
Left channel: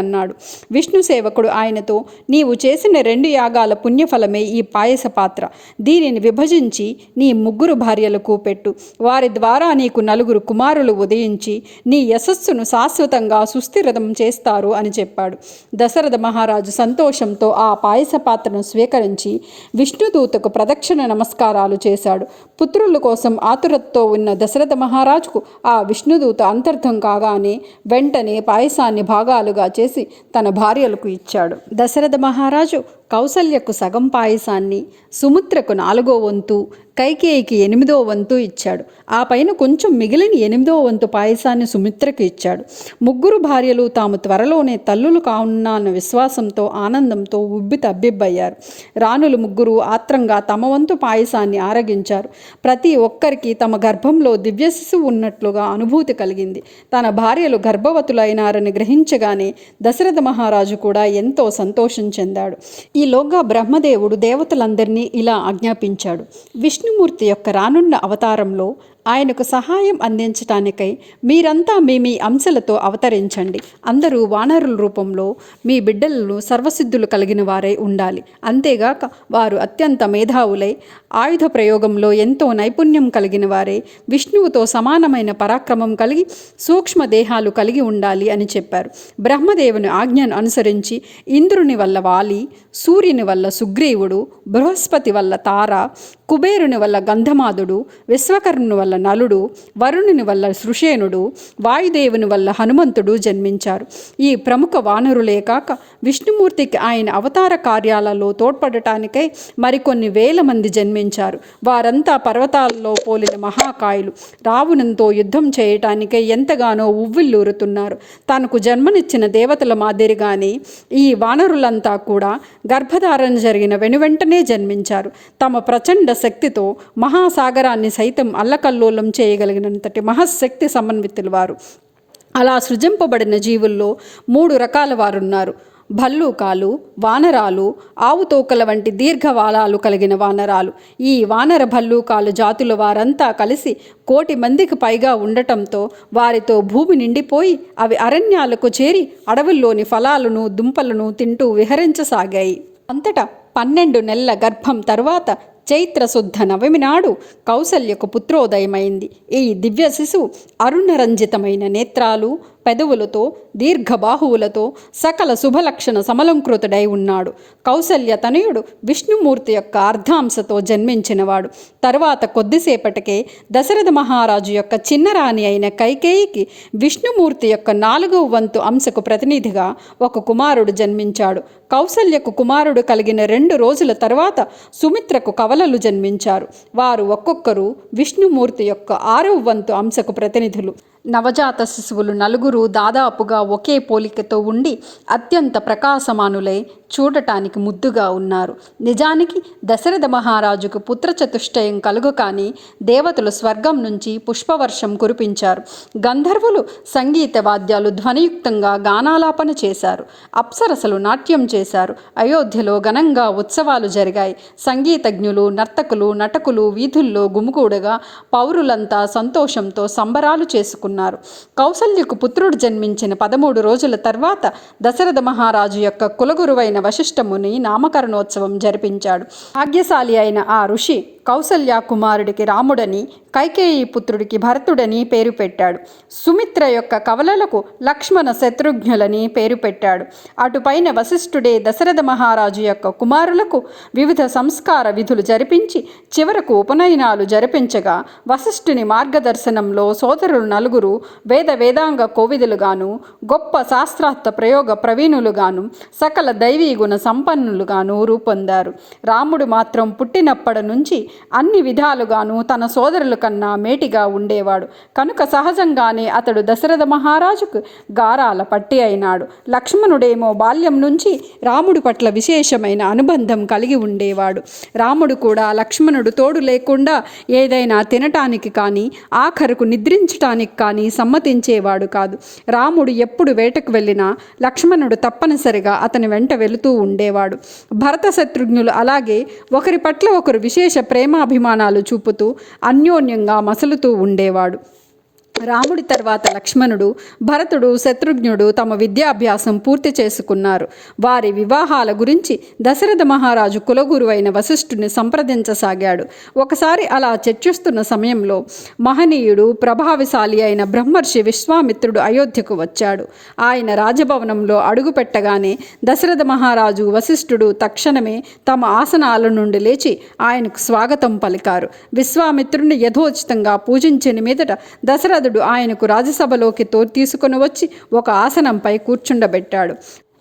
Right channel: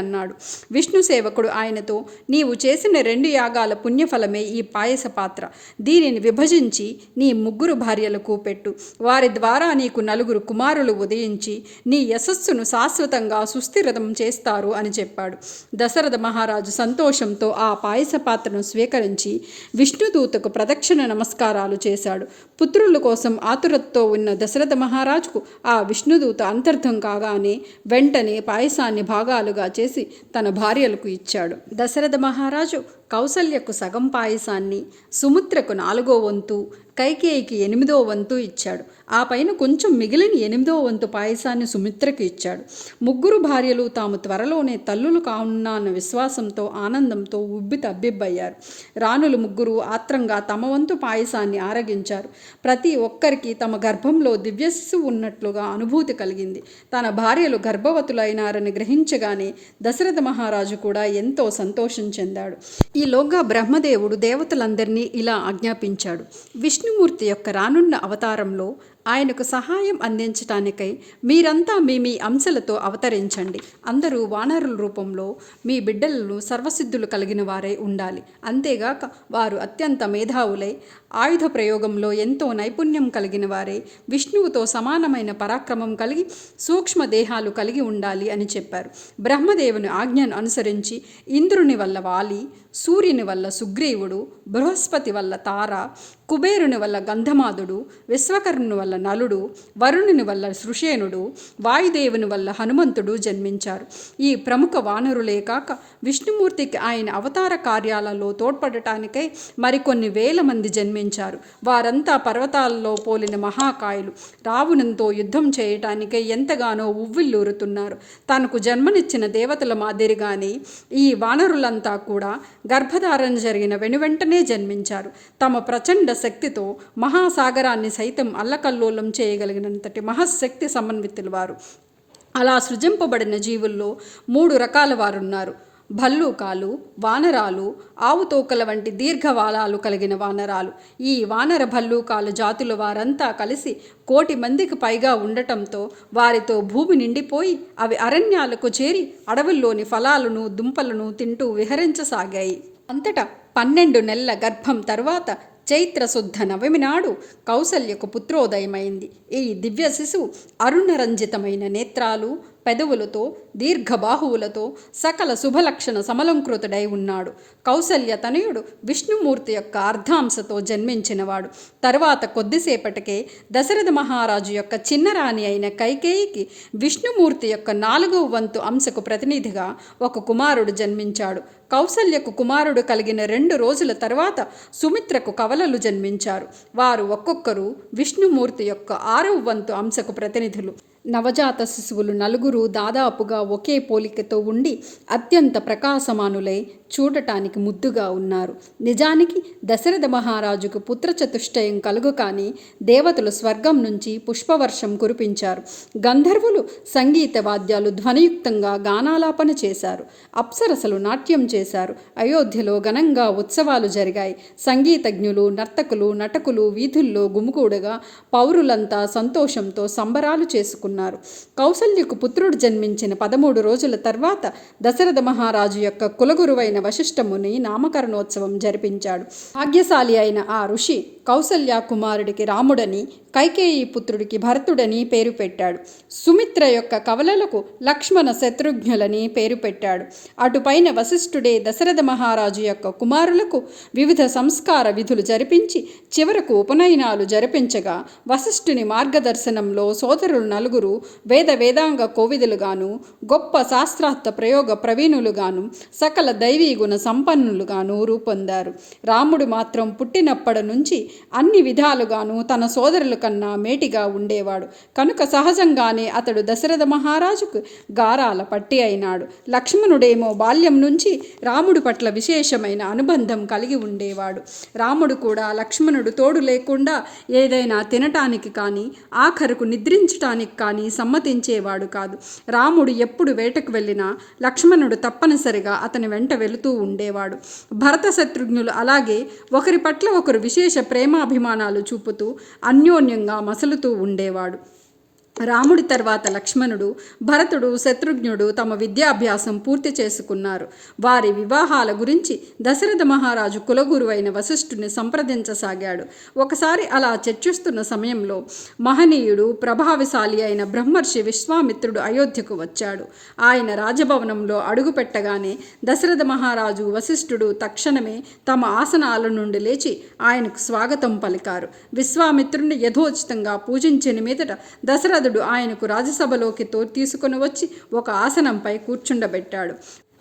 అన్నాడు. విష్ణు సేవకుడు ఆయనతో, నీవు చేసిన 2 యాగాల పుణ్యఫలమే ఈ పాయస పాత్ర. దీనిని విభజించి నీ 3 భార్యలకు పెట్టు. వారి ద్వారా నీకు 4 కుమారులు ఉదయించి నీ యశస్సును శాశ్వతంగా సుస్థిరతం చేస్తారు అని చెప్పాడు. దశరథ మహారాజు సంతోషంతో ఆ పాయస పాత్రను స్వీకరించి విష్ణుదూతకు ప్రదక్షిణ నమస్కారాలు చేశాడు. పుత్రుల కోసం ఆతురతతో ఉన్న దశరథ మహారాజుకు ఆ విష్ణుదూత అంతర్థం కాగానే వెంటనే పాయసాన్ని భాగాలుగా చేసి తన భార్యలకు ఇచ్చాడు. దశరథ మహారాజు కౌసల్యకు సగం పాయసాన్ని, సుమిత్రకు 4వ వంతు, కైకేయికి 8వ వంతు ఇచ్చాడు. ఆ పైన కొంచెం మిగిలిన 8వ వంతు పాయసాన్ని సుమిత్రకు ఇచ్చాడు. 3 భార్యలు తాము త్వరలోనే తల్లులు కానున్న విశ్వాసంతో ఆనందంతో ఉబ్బి తబ్బిబ్బయ్యారు. రాణులు 3 ఆత్రంగా తమ వంతు పాయసాన్ని ఆరగించారు. ప్రతి ఒక్కరికి తమ గర్భంలో దివ్య శిశువు ఉన్నట్లుగా అనుభూతి కలిగింది. తన భార్యలు గర్భవతులైనారని గ్రహించగానే దశరథ మహారాజు కూడా ఎంతో సంతోషం చెందాడు. ఈలోగా బ్రహ్మదేవుడు దేవతలందరినీ ఇలా ఆజ్ఞాపించాడు. విష్ణుమూర్తి యొక్క రానున్న అవతారంలో ఆయనకు సహాయం అందించటానికై మీరంతా మీ అంశలతో అవతరించండి. అందరూ వానరుల రూపంలో మీ బిడ్డలను సర్వసిద్ధులు కలిగిన వారై ఉండాలి. అంతేగాక వారు అత్యంత మేధావులై ఆయుధ ప్రయోగంలో ఎంతో నైపుణ్యం కలిగిన వారే, విష్ణువుతో సమానమైన పరాక్రమం కలిగి సూక్ష్మ దేహాలు కలిగి ఉండాలి అని చెప్పారు. బ్రహ్మదేవుని ఆజ్ఞను అనుసరించి ఇంద్రుని వల్ల వాలి, సూర్యుని వల్ల సుగ్రీవుడు, బృహస్పతి వల్ల తార, కుబేరుని వల్ల గంధమాదుడు, విశ్వకర్ణుని వల్ల నలుడు, వరుణుని వల్ల సృషేనుడు, వాయుదేవుని వల్ల హనుమంతుడు జన్మించారు. ఈ ప్రముఖ వానరులే కాక విష్ణుమూర్తికి ఆయన అవతార కార్యాలలో తోడ్పడటానికై మరికొన్ని వేల మంది జన్మించారు. వారంతా పర్వతాల్లో పోలిన మహాకాయులు. రావణునితో యుద్ధం చేయటానికై ఎంతగానో ఉవ్విల్లూరుతున్నారు. తనకు జన్మనిచ్చిన దేవతల మాదిరిగానే ఈ వానరులంతా కూడా గర్భధారణ జరిగిన వెనువెంటనే జన్మించారు. తమ ప్రచండ శక్తితో మహాసాగరాన్ని సైతం అల్లకల్లోలం చేయగలిగినంతటి మహశక్తి సమన్వితులు వారు. అలా సృజింపబడిన జీవుల్లో 3 రకాల వారున్నారు. భల్లూకాలు, వానరాలు, ఆవుతోకల వంటి దీర్ఘవాలాలు కలిగిన వానరాలు. ఈ వానర భల్లూకాలు జాతుల వారంతా కలిసి 1,000,000 మందికి పైగా ఉండటంతో వారితో భూమి నిండిపోయి అవి అరణ్యాలకు చేరి అడవుల్లోని ఫలాలను దుంపలను తింటూ విహరించసాగాయి. అంతటా 12 నెలల గర్భం తరువాత చైత్రశుద్ధ నవమి నాడు కౌసల్యకు పుత్రోదయమైంది. ఈ దివ్య శిశువు అరుణరంజితమైన నేత్రాలు, పెదవులతో, దీర్ఘబాహువులతో సకల శుభలక్షణ సమలంకృతుడై ఉన్నాడు. కౌసల్య తనయుడు విష్ణుమూర్తి యొక్క అర్ధాంశతో జన్మించినవాడు. తర్వాత కొద్దిసేపటికే దశరథ మహారాజు యొక్క చిన్నరాణి అయిన కైకేయికి విష్ణుమూర్తి యొక్క 4వ వంతు అంశకు ప్రతినిధిగా ఒక కుమారుడు జన్మించాడు. కౌసల్యకు కుమారుడు కలిగిన 2 రోజుల తర్వాత సుమిత్రకు కవలలు జన్మించారు. వారు ఒక్కొక్కరు విష్ణుమూర్తి యొక్క 6వ వంతు అంశకు ప్రతినిధులు. నవజాత శిశువులు 4 దాదాపుగా ఒకే పోలికతో ఉండి అత్యంత ప్రకాశమానులై చూడటానికి ముద్దుగా ఉన్నారు. నిజానికి దశరథ మహారాజుకు పుత్రచతుష్టయం కలుగు కానీ దేవతలు స్వర్గం నుంచి పుష్పవర్షం కురిపించారు. గంధర్వులు సంగీత వాద్యాలు ధ్వనియుక్తంగా గానాలాపన చేశారు. అప్సరసలు నాట్యం చేశారు. అయోధ్యలో ఘనంగా ఉత్సవాలు జరిగాయి. సంగీతజ్ఞులు, నర్తకులు, నటకులు వీధుల్లో గుమిగూడగా పౌరులంతా సంతోషంతో సంబరాలు చేసుకున్నారు. కౌసల్యకు పుత్రుడు జన్మించిన 13 రోజుల తర్వాత దశరథ మహారాజు యొక్క కులగురువైన వశిష్ఠముని నామకరణోత్సవం జరిపించాడు. భాగ్యశాలి అయిన ఆ ఋషి కౌసల్య కుమారుడికి రాముడని, కైకేయి పుత్రుడికి భరతుడని పేరు పెట్టాడు. సుమిత్ర యొక్క కవలలకు లక్ష్మణ శత్రుఘ్నులని పేరు పెట్టాడు. అటుపైన వశిష్ఠుడే దశరథ మహారాజు యొక్క కుమారులకు వివిధ సంస్కార విధులు జరిపించి చివరకు ఉపనయనాలు జరిపించగా వశిష్ఠుని మార్గదర్శనంలో సోదరులు 4 వేదాంగ కోవిదులుగాను, గొప్ప శాస్త్రార్థ ప్రయోగ ప్రవీణులుగాను, సకల దైవీ గుణ సంపన్నులుగాను రూపొందారు. రాముడు మాత్రం పుట్టినప్పటి నుంచి అన్ని విధాలుగాను తన సోదరుల కన్నా మేటిగా ఉండేవాడు. కనుక సహజంగానే అతడు దశరథ మహారాజుకు గారాల పట్టి అయినాడు. లక్ష్మణుడేమో బాల్యం నుంచి రాముడి పట్ల విశేషమైన అనుబంధం కలిగి ఉండేవాడు. రాముడు కూడా లక్ష్మణుడు తోడు లేకుండా ఏదైనా తినటానికి కానీ ఆఖరుకు నిద్రించటానికి కానీ సమ్మతించేవాడు కాదు. రాముడు ఎప్పుడు వేటకు వెళ్ళినా లక్ష్మణుడు తప్పనిసరిగా అతని వెంట వెళుతూ ఉండేవాడు. భరత శత్రుఘ్నులు అలాగే ఒకరి పట్ల ఒకరు విశేష ప్రేమాభిమానాలు చూపుతూ అన్యోన్యంగా మసలుతూ ఉండేవాడు. రాముడి తర్వాత లక్ష్మణుడు, భరతుడు, శత్రుఘ్నుడు తమ విద్యాభ్యాసం పూర్తి చేసుకున్నారు. వారి వివాహాల గురించి దశరథ మహారాజు కులగురువైన వశిష్ఠుని సంప్రదించసాగాడు. ఒకసారి అలా చర్చిస్తున్న సమయంలో మహనీయుడు, ప్రభావశాలి అయిన బ్రహ్మర్షి విశ్వామిత్రుడు అయోధ్యకు వచ్చాడు. ఆయన రాజభవనంలో అడుగుపెట్టగానే దశరథ మహారాజు, వశిష్ఠుడు తక్షణమే తమ ఆసనాల నుండి లేచి ఆయనకు స్వాగతం పలికారు. విశ్వామిత్రుడిని యథోచితంగా పూజించిన మీదట దశరథుడు ఆయనకు రాజసభలోకి తీసుకొని వచ్చి ఒక ఆసనంపై కూర్చుండబెట్టాడు.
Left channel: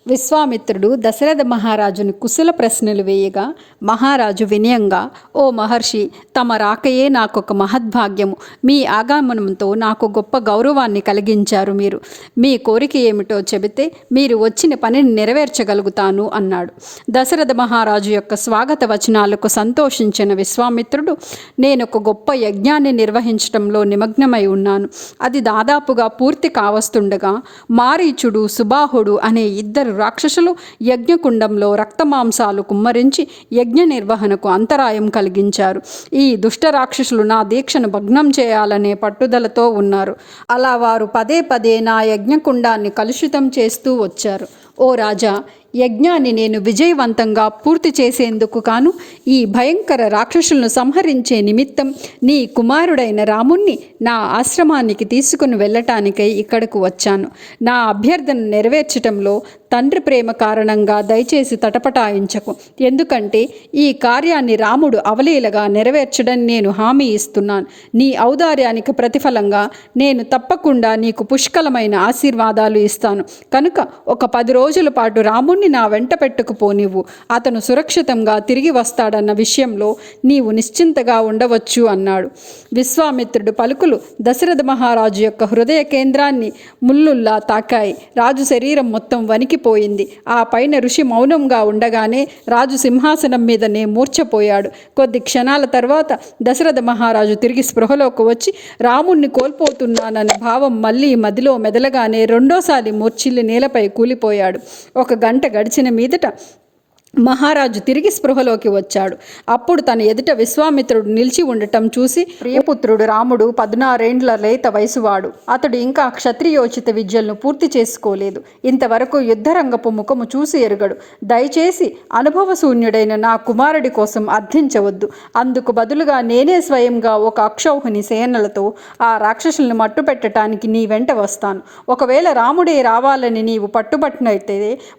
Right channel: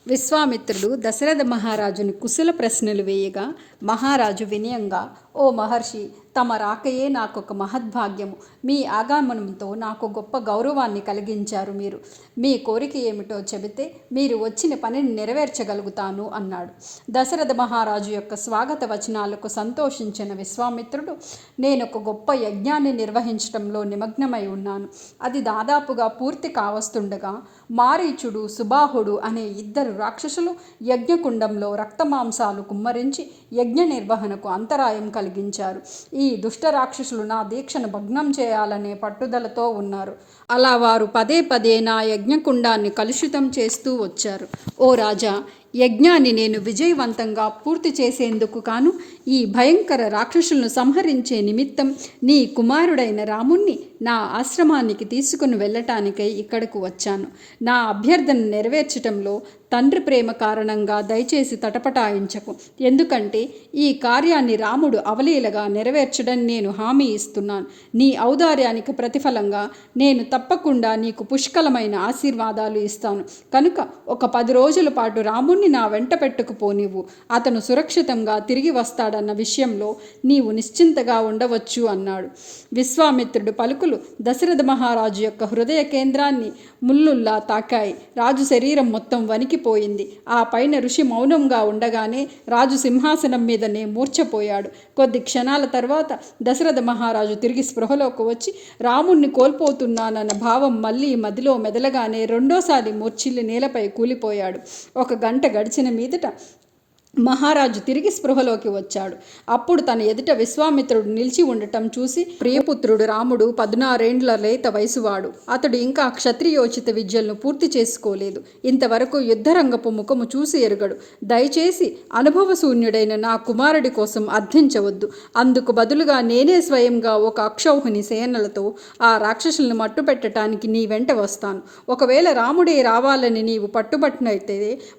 విశ్వామిత్రుడు దశరథ మహారాజుని కుశల ప్రశ్నలు వేయగా మహారాజు వినయంగా, ఓ మహర్షి, తమ రాకయే నాకొక మహద్భాగ్యము. మీ ఆగమనంతో నాకు గొప్ప గౌరవాన్ని కలిగించారు. మీరు మీ కోరిక ఏమిటో చెబితే మీరు వచ్చిన పనిని నెరవేర్చగలుగుతాను అన్నాడు. దశరథ మహారాజు యొక్క స్వాగత వచనాలకు సంతోషించిన విశ్వామిత్రుడు, నేను ఒక గొప్ప యజ్ఞాన్ని నిర్వహించడంలో నిమగ్నమై ఉన్నాను. అది దాదాపుగా పూర్తి కావస్తుండగా మారీచుడు, సుబాహుడు అనే 2 రాక్షసులు యజ్ఞకుండంలో రక్తమాంసాలు కుమ్మరించి యజ్ఞ నిర్వహణకు అంతరాయం కలిగించారు. ఈ దుష్ట రాక్షసులు నా దీక్షను భగ్నం చేయాలనే పట్టుదలతో ఉన్నారు. అలా వారు పదే పదే నా యజ్ఞకుండాన్ని కలుషితం చేస్తూ వచ్చారు. ఓ రాజా, యజ్ఞాన్ని నేను విజయవంతంగా పూర్తి చేసేందుకు కాను ఈ భయంకర రాక్షసులను సంహరించే నిమిత్తం నీ కుమారుడైన రాముణ్ణి నా ఆశ్రమానికి తీసుకుని వెళ్ళటానికై ఇక్కడకు వచ్చాను. నా అభ్యర్థన నెరవేర్చటంలో తండ్రి ప్రేమ కారణంగా దయచేసి తటపటాయించకు. ఎందుకంటే ఈ కార్యాన్ని రాముడు అవలీలగా నెరవేర్చడం నేను హామీ ఇస్తున్నాను. నీ ఔదార్యానికి ప్రతిఫలంగా నేను తప్పకుండా నీకు పుష్కలమైన ఆశీర్వాదాలు ఇస్తాను. కనుక ఒక 10 రోజుల పాటు రాముణ్ణి నా వెంట పెట్టుకుపోనివ్వు. అతను సురక్షితంగా తిరిగి వస్తాడన్న విషయంలో నీవు నిశ్చింతగా ఉండవచ్చు అన్నాడు. విశ్వామిత్రుడు పలుకులు దశరథ మహారాజు యొక్క హృదయ కేంద్రాన్ని ముల్లుల్లా తాకాయి. రాజు శరీరం మొత్తం వణికి కృంగిపోయింది. ఆ పైన ఋషి మౌనంగా ఉండగానే రాజు సింహాసనం మీదనే మూర్ఛపోయాడు. కొద్ది క్షణాల తర్వాత దశరథ మహారాజు తిరిగి స్పృహలోకి వచ్చి రాముణ్ణి కోల్పోతున్నానన్న భావం మళ్ళీ మదిలో మెదలగానే రెండోసారి మూర్ఛిల్లి నేలపై కూలిపోయాడు. ఒక గంట గడిచిన మీదట మహారాజు తిరిగి స్పృహలోకి వచ్చాడు. అప్పుడు తన ఎదుట విశ్వామిత్రుడు నిలిచి ఉండటం చూసి, ప్రియపుత్రుడు రాముడు 16 లేత వయసువాడు. అతడు ఇంకా క్షత్రియోచిత విద్యలను పూర్తి చేసుకోలేదు. ఇంతవరకు యుద్ధరంగపు ముఖము చూసి ఎరుగడు. దయచేసి అనుభవశూన్యుడైన నా కుమారుడి కోసం అర్థించవద్దు. అందుకు బదులుగా నేనే స్వయంగా ఒక అక్షౌహిణి సేనలతో ఆ రాక్షసుల్ని మట్టుపెట్టడానికి నీ వెంట వస్తాను. ఒకవేళ రాముడే రావాలని నీవు పట్టుబట్టినైతే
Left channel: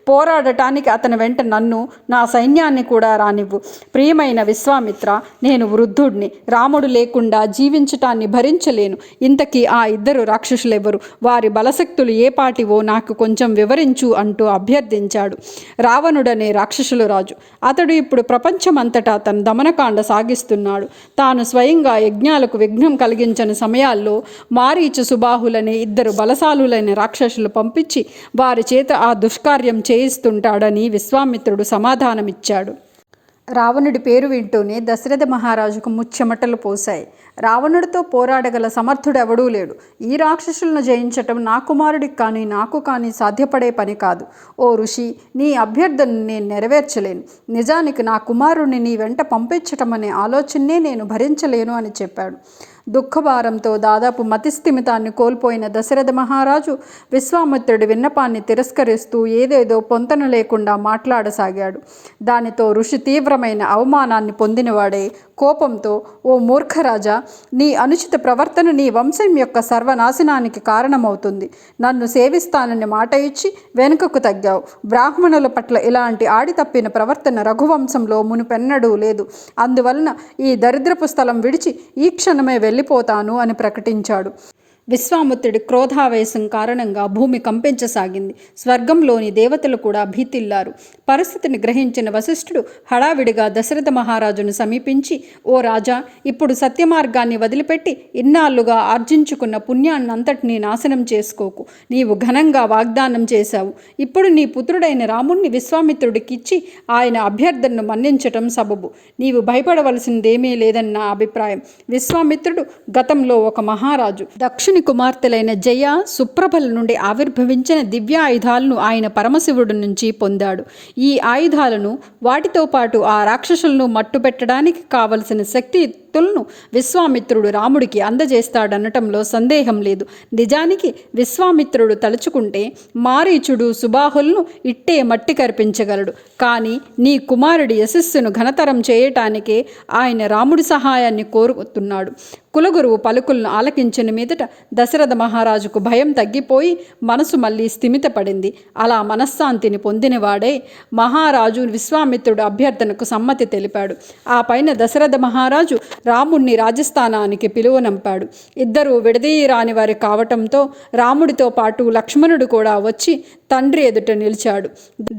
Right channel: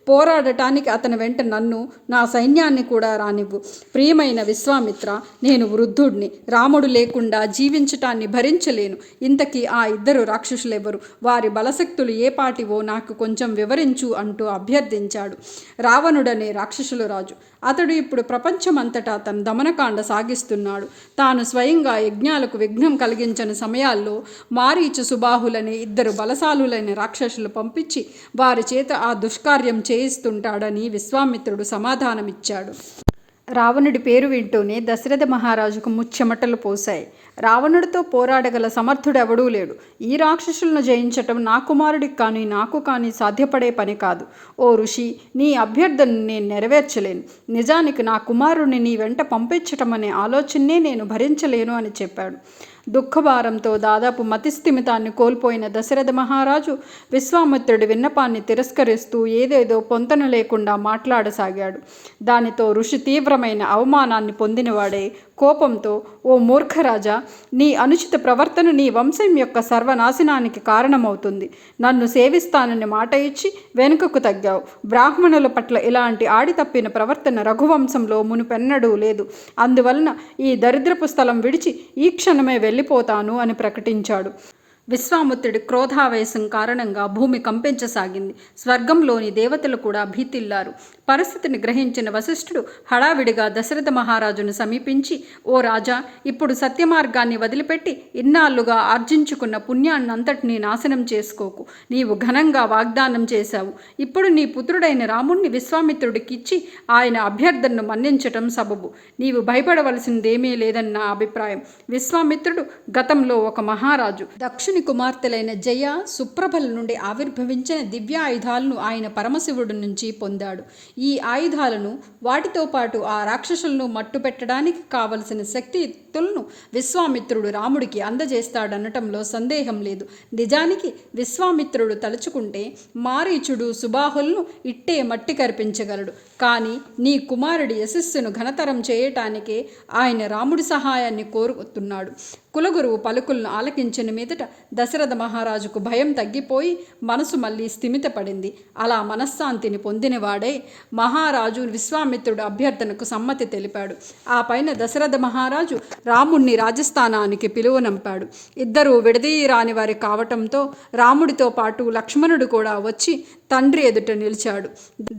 పోరాడటానికి అతని వెంట నన్ను, నా సైన్యాన్ని కూడా రానివ్వు. ప్రియమైన విశ్వామిత్ర, నేను వృద్ధుడిని. రాముడు లేకుండా జీవించటాన్ని భరించలేను. ఇంతకీ ఆ ఇద్దరు రాక్షసులెవరు? వారి బలశక్తులు ఏ పాటివో నాకు కొంచెం వివరించు అంటూ అభ్యర్థించాడు రావణుడనే రాక్షసుల రాజు. అతడు ఇప్పుడు ప్రపంచమంతటా తన దమనకాండ సాగిస్తున్నాడు. తాను స్వయంగా యజ్ఞాలకు విఘ్నం కలిగించని సమయాల్లో మారీచు, సుబాహులనే ఇద్దరు బలశాలులైన రాక్షసులు పంపించి వారి చేత ఆ దుష్కార్యం చేయిస్తుంటాడని విశ్వామిత్రుడు సమాధానమిచ్చాడు. రావణుడి పేరు వింటూనే దశరథ మహారాజుకు ముచ్చెమటలు పోశాయి. రావణుడితో పోరాడగల సమర్థుడెవడూ లేడు. ఈ రాక్షసులను జయించటం నా కుమారుడికి కానీ నాకు కానీ సాధ్యపడే పని కాదు. ఓ ఋషి, నీ అభ్యర్థనను నేను నెరవేర్చలేను. నిజానికి నా కుమారుడిని నీ వెంట పంపించటం అనే ఆలోచనే నేను భరించలేను అని చెప్పాడు. దుఃఖభారంతో దాదాపు మతిస్థిమితాన్ని కోల్పోయిన దశరథ మహారాజు విశ్వామిత్రుడి విన్నపాన్ని తిరస్కరిస్తూ ఏదేదో పొంతన లేకుండా మాట్లాడసాగాడు. దానితో ఋషి తీవ్రమైన అవమానాన్ని పొందినవాడే కోపంతో, ఓ మూర్ఖరాజా, నీ అనుచిత ప్రవర్తన నీ వంశం యొక్క సర్వనాశనానికి కారణమవుతుంది. నన్ను సేవిస్తానని మాట ఇచ్చి వెనుకకు తగ్గావు. బ్రాహ్మణుల పట్ల ఇలాంటి ఆడి తప్పిన ప్రవర్తన రఘువంశంలో మునుపెన్నడూ లేదు. అందువలన ఈ దరిద్రపు స్థలం విడిచి ఈ క్షణమే వెళ్ళిపోతాను అని ప్రకటించాడు. విశ్వామిత్రుడి క్రోధావేశం కారణంగా భూమి కంపించసాగింది. స్వర్గంలోని దేవతలు కూడా భీతిల్లారు. పరిస్థితిని గ్రహించిన వశిష్ఠుడు హడావిడిగా దశరథ మహారాజును సమీపించి, ఓ రాజా, ఇప్పుడు సత్యమార్గాన్ని వదిలిపెట్టి ఇన్నాళ్లుగా ఆర్జించుకున్న పుణ్యాన్నంతటినీ నాశనం చేసుకోకు. నీవు ఘనంగా వాగ్దానం చేశావు. ఇప్పుడు నీ పుత్రుడైన రాముణ్ణి విశ్వామిత్రుడికిచ్చి ఆయన అభ్యర్థనను మన్నించటం సబబు. నీవు భయపడవలసిందేమీ లేదన్న నా అభిప్రాయం. విశ్వామిత్రుడు గతంలో ఒక మహారాజు. దక్షిణ కుమార్తెలైన జయ, సుప్రభల నుండి ఆవిర్భవించిన దివ్యాయుధాలను ఆయన పరమశివుడి నుంచి పొందాడు. ఈ ఆయుధాలను, వాటితో పాటు ఆ రాక్షసులను మట్టుపెట్టడానికి కావలసిన శక్తియుక్తులను విశ్వామిత్రుడు రాముడికి అందజేస్తాడనటంలో సందేహం లేదు. నిజానికి విశ్వామిత్రుడు తలుచుకుంటే మారీచుడు, సుబాహులను ఇట్టే మట్టి కరిపించగలడు. కానీ నీ కుమారుడి యశస్సును ఘనతరం చేయటానికే ఆయన రాముడి సహాయాన్ని కోరుతున్నాడు. కులగురువు పలుకులను ఆలకించిన మీదట దశరథ మహారాజుకు భయం తగ్గిపోయి మనసు మళ్ళీ స్థిమితపడింది. అలా మనశ్శాంతిని పొందినవాడే మహారాజు విశ్వామిత్రుడు అభ్యర్థనకు సమ్మతి తెలిపాడు. ఆ పైన దశరథ మహారాజు రాముణ్ణి రాజస్థానానికి పిలువనంపాడు. ఇద్దరూ విడదీయరాని వారి కావటంతో రాముడితో పాటు లక్ష్మణుడు కూడా వచ్చి తండ్రి ఎదుట నిలిచాడు.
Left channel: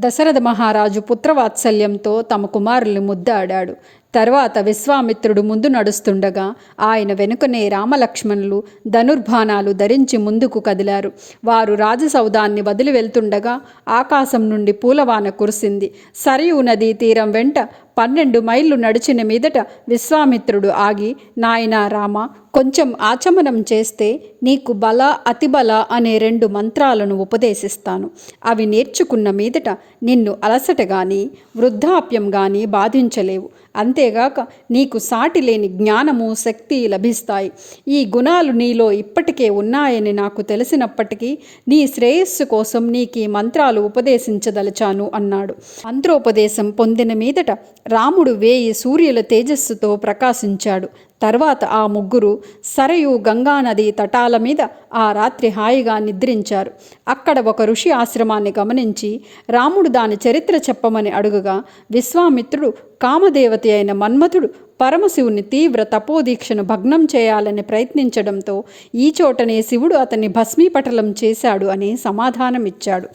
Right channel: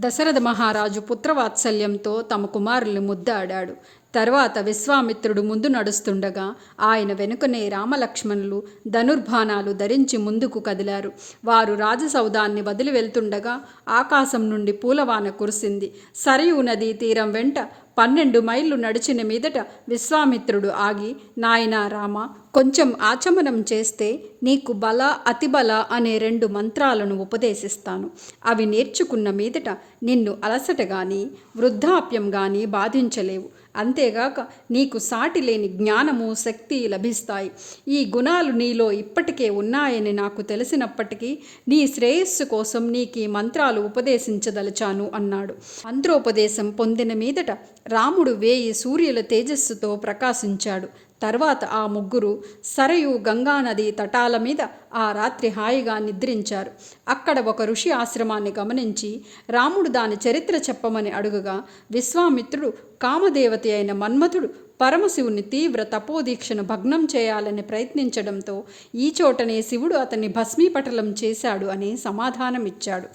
దశరథ మహారాజు పుత్రవాత్సల్యంతో తమ కుమారుల్ని ముద్దాడాడు. తర్వాత విశ్వామిత్రుడు ముందు నడుస్తుండగా ఆయన వెనుకనే రామలక్ష్మణులు ధనుర్బాణాలు ధరించి ముందుకు కదిలారు. వారు రాజసౌధాన్ని వదిలి వెళ్తుండగా ఆకాశం నుండి పూలవాన కురిసింది. సరయూ నదీ తీరం వెంట 12 మైళ్ళు నడిచిన మీదట విశ్వామిత్రుడు ఆగి, నాయనా రామ, కొంచెం ఆచమనం చేస్తే నీకు బల, అతిబల అనే 2 మంత్రాలను ఉపదేశిస్తాను. అవి నేర్చుకున్న మీదట నిన్ను అలసట కానీ వృద్ధాప్యం కానీ బాధించలేవు. అంతేగాక నీకు సాటి లేని జ్ఞానము, శక్తి లభిస్తాయి. ఈ గుణాలు నీలో ఇప్పటికే ఉన్నాయని నాకు తెలిసినప్పటికీ నీ శ్రేయస్సు కోసం నీకు ఈ మంత్రాలు ఉపదేశించదలచాను అన్నాడు. మంత్రోపదేశం పొందిన మీదట రాముడు 1000 సూర్యుల తేజస్సుతో ప్రకాశించాడు. తర్వాత ఆ ముగ్గురు సరయు గంగానది తటాల మీద ఆ రాత్రి హాయిగా నిద్రించారు. అక్కడ ఒక ఋషి ఆశ్రమాన్ని గమనించి రాముడు దాని చరిత్ర చెప్పమని అడుగగా విశ్వామిత్రుడు కామదేవత అయిన మన్మథుడు పరమశివుని తీవ్ర తపోదీక్షను భగ్నం చేయాలని ప్రయత్నించడంతో ఈ చోటనే శివుడు అతన్ని భస్మీపటలం చేశాడు అని సమాధానమిచ్చాడు.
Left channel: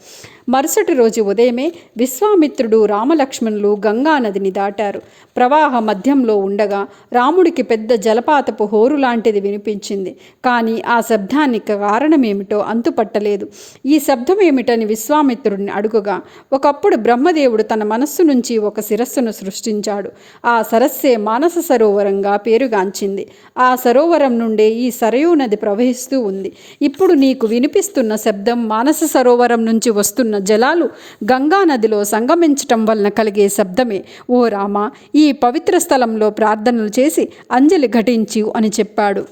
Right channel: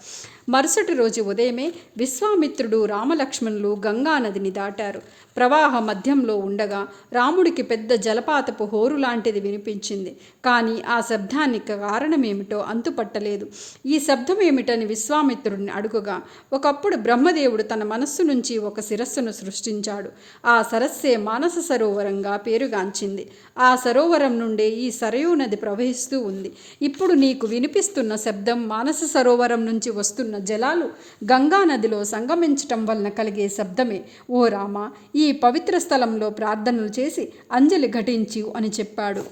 మరుసటి రోజు ఉదయమే విశ్వామిత్రుడు రామలక్ష్మణులు గంగానదిని దాటారు. ప్రవాహ మధ్యంలో ఉండగా రాముడికి పెద్ద జలపాతపు హోరు లాంటిది వినిపించింది. కానీ ఆ శబ్దానికి కారణమేమిటో అంతుపట్టలేదు. ఈ శబ్దమేమిటని విశ్వామిత్రుడిని అడుగుగా, ఒకప్పుడు బ్రహ్మదేవుడు తన మనస్సు నుంచి ఒక శిరస్సును సృష్టించాడు. ఆ సరస్సే మానస సరోవరంగా పేరుగాంచింది. ఆ సరోవరం నుండే ఈ సరయూ నది ప్రవహిస్తూ ఉంది. ఇప్పుడు నీకు వినిపిస్తున్న శబ్దం మానస సరోవరం నుంచి వస్తున్న జలాలు గంగా నదిలో సంగమించటం వలన కలిగే శబ్దమే. ఓ రామ, ఈ పవిత్ర స్థలంలో ప్రార్థనలు చేసి అంజలి ఘటించు అని చెప్పాడు.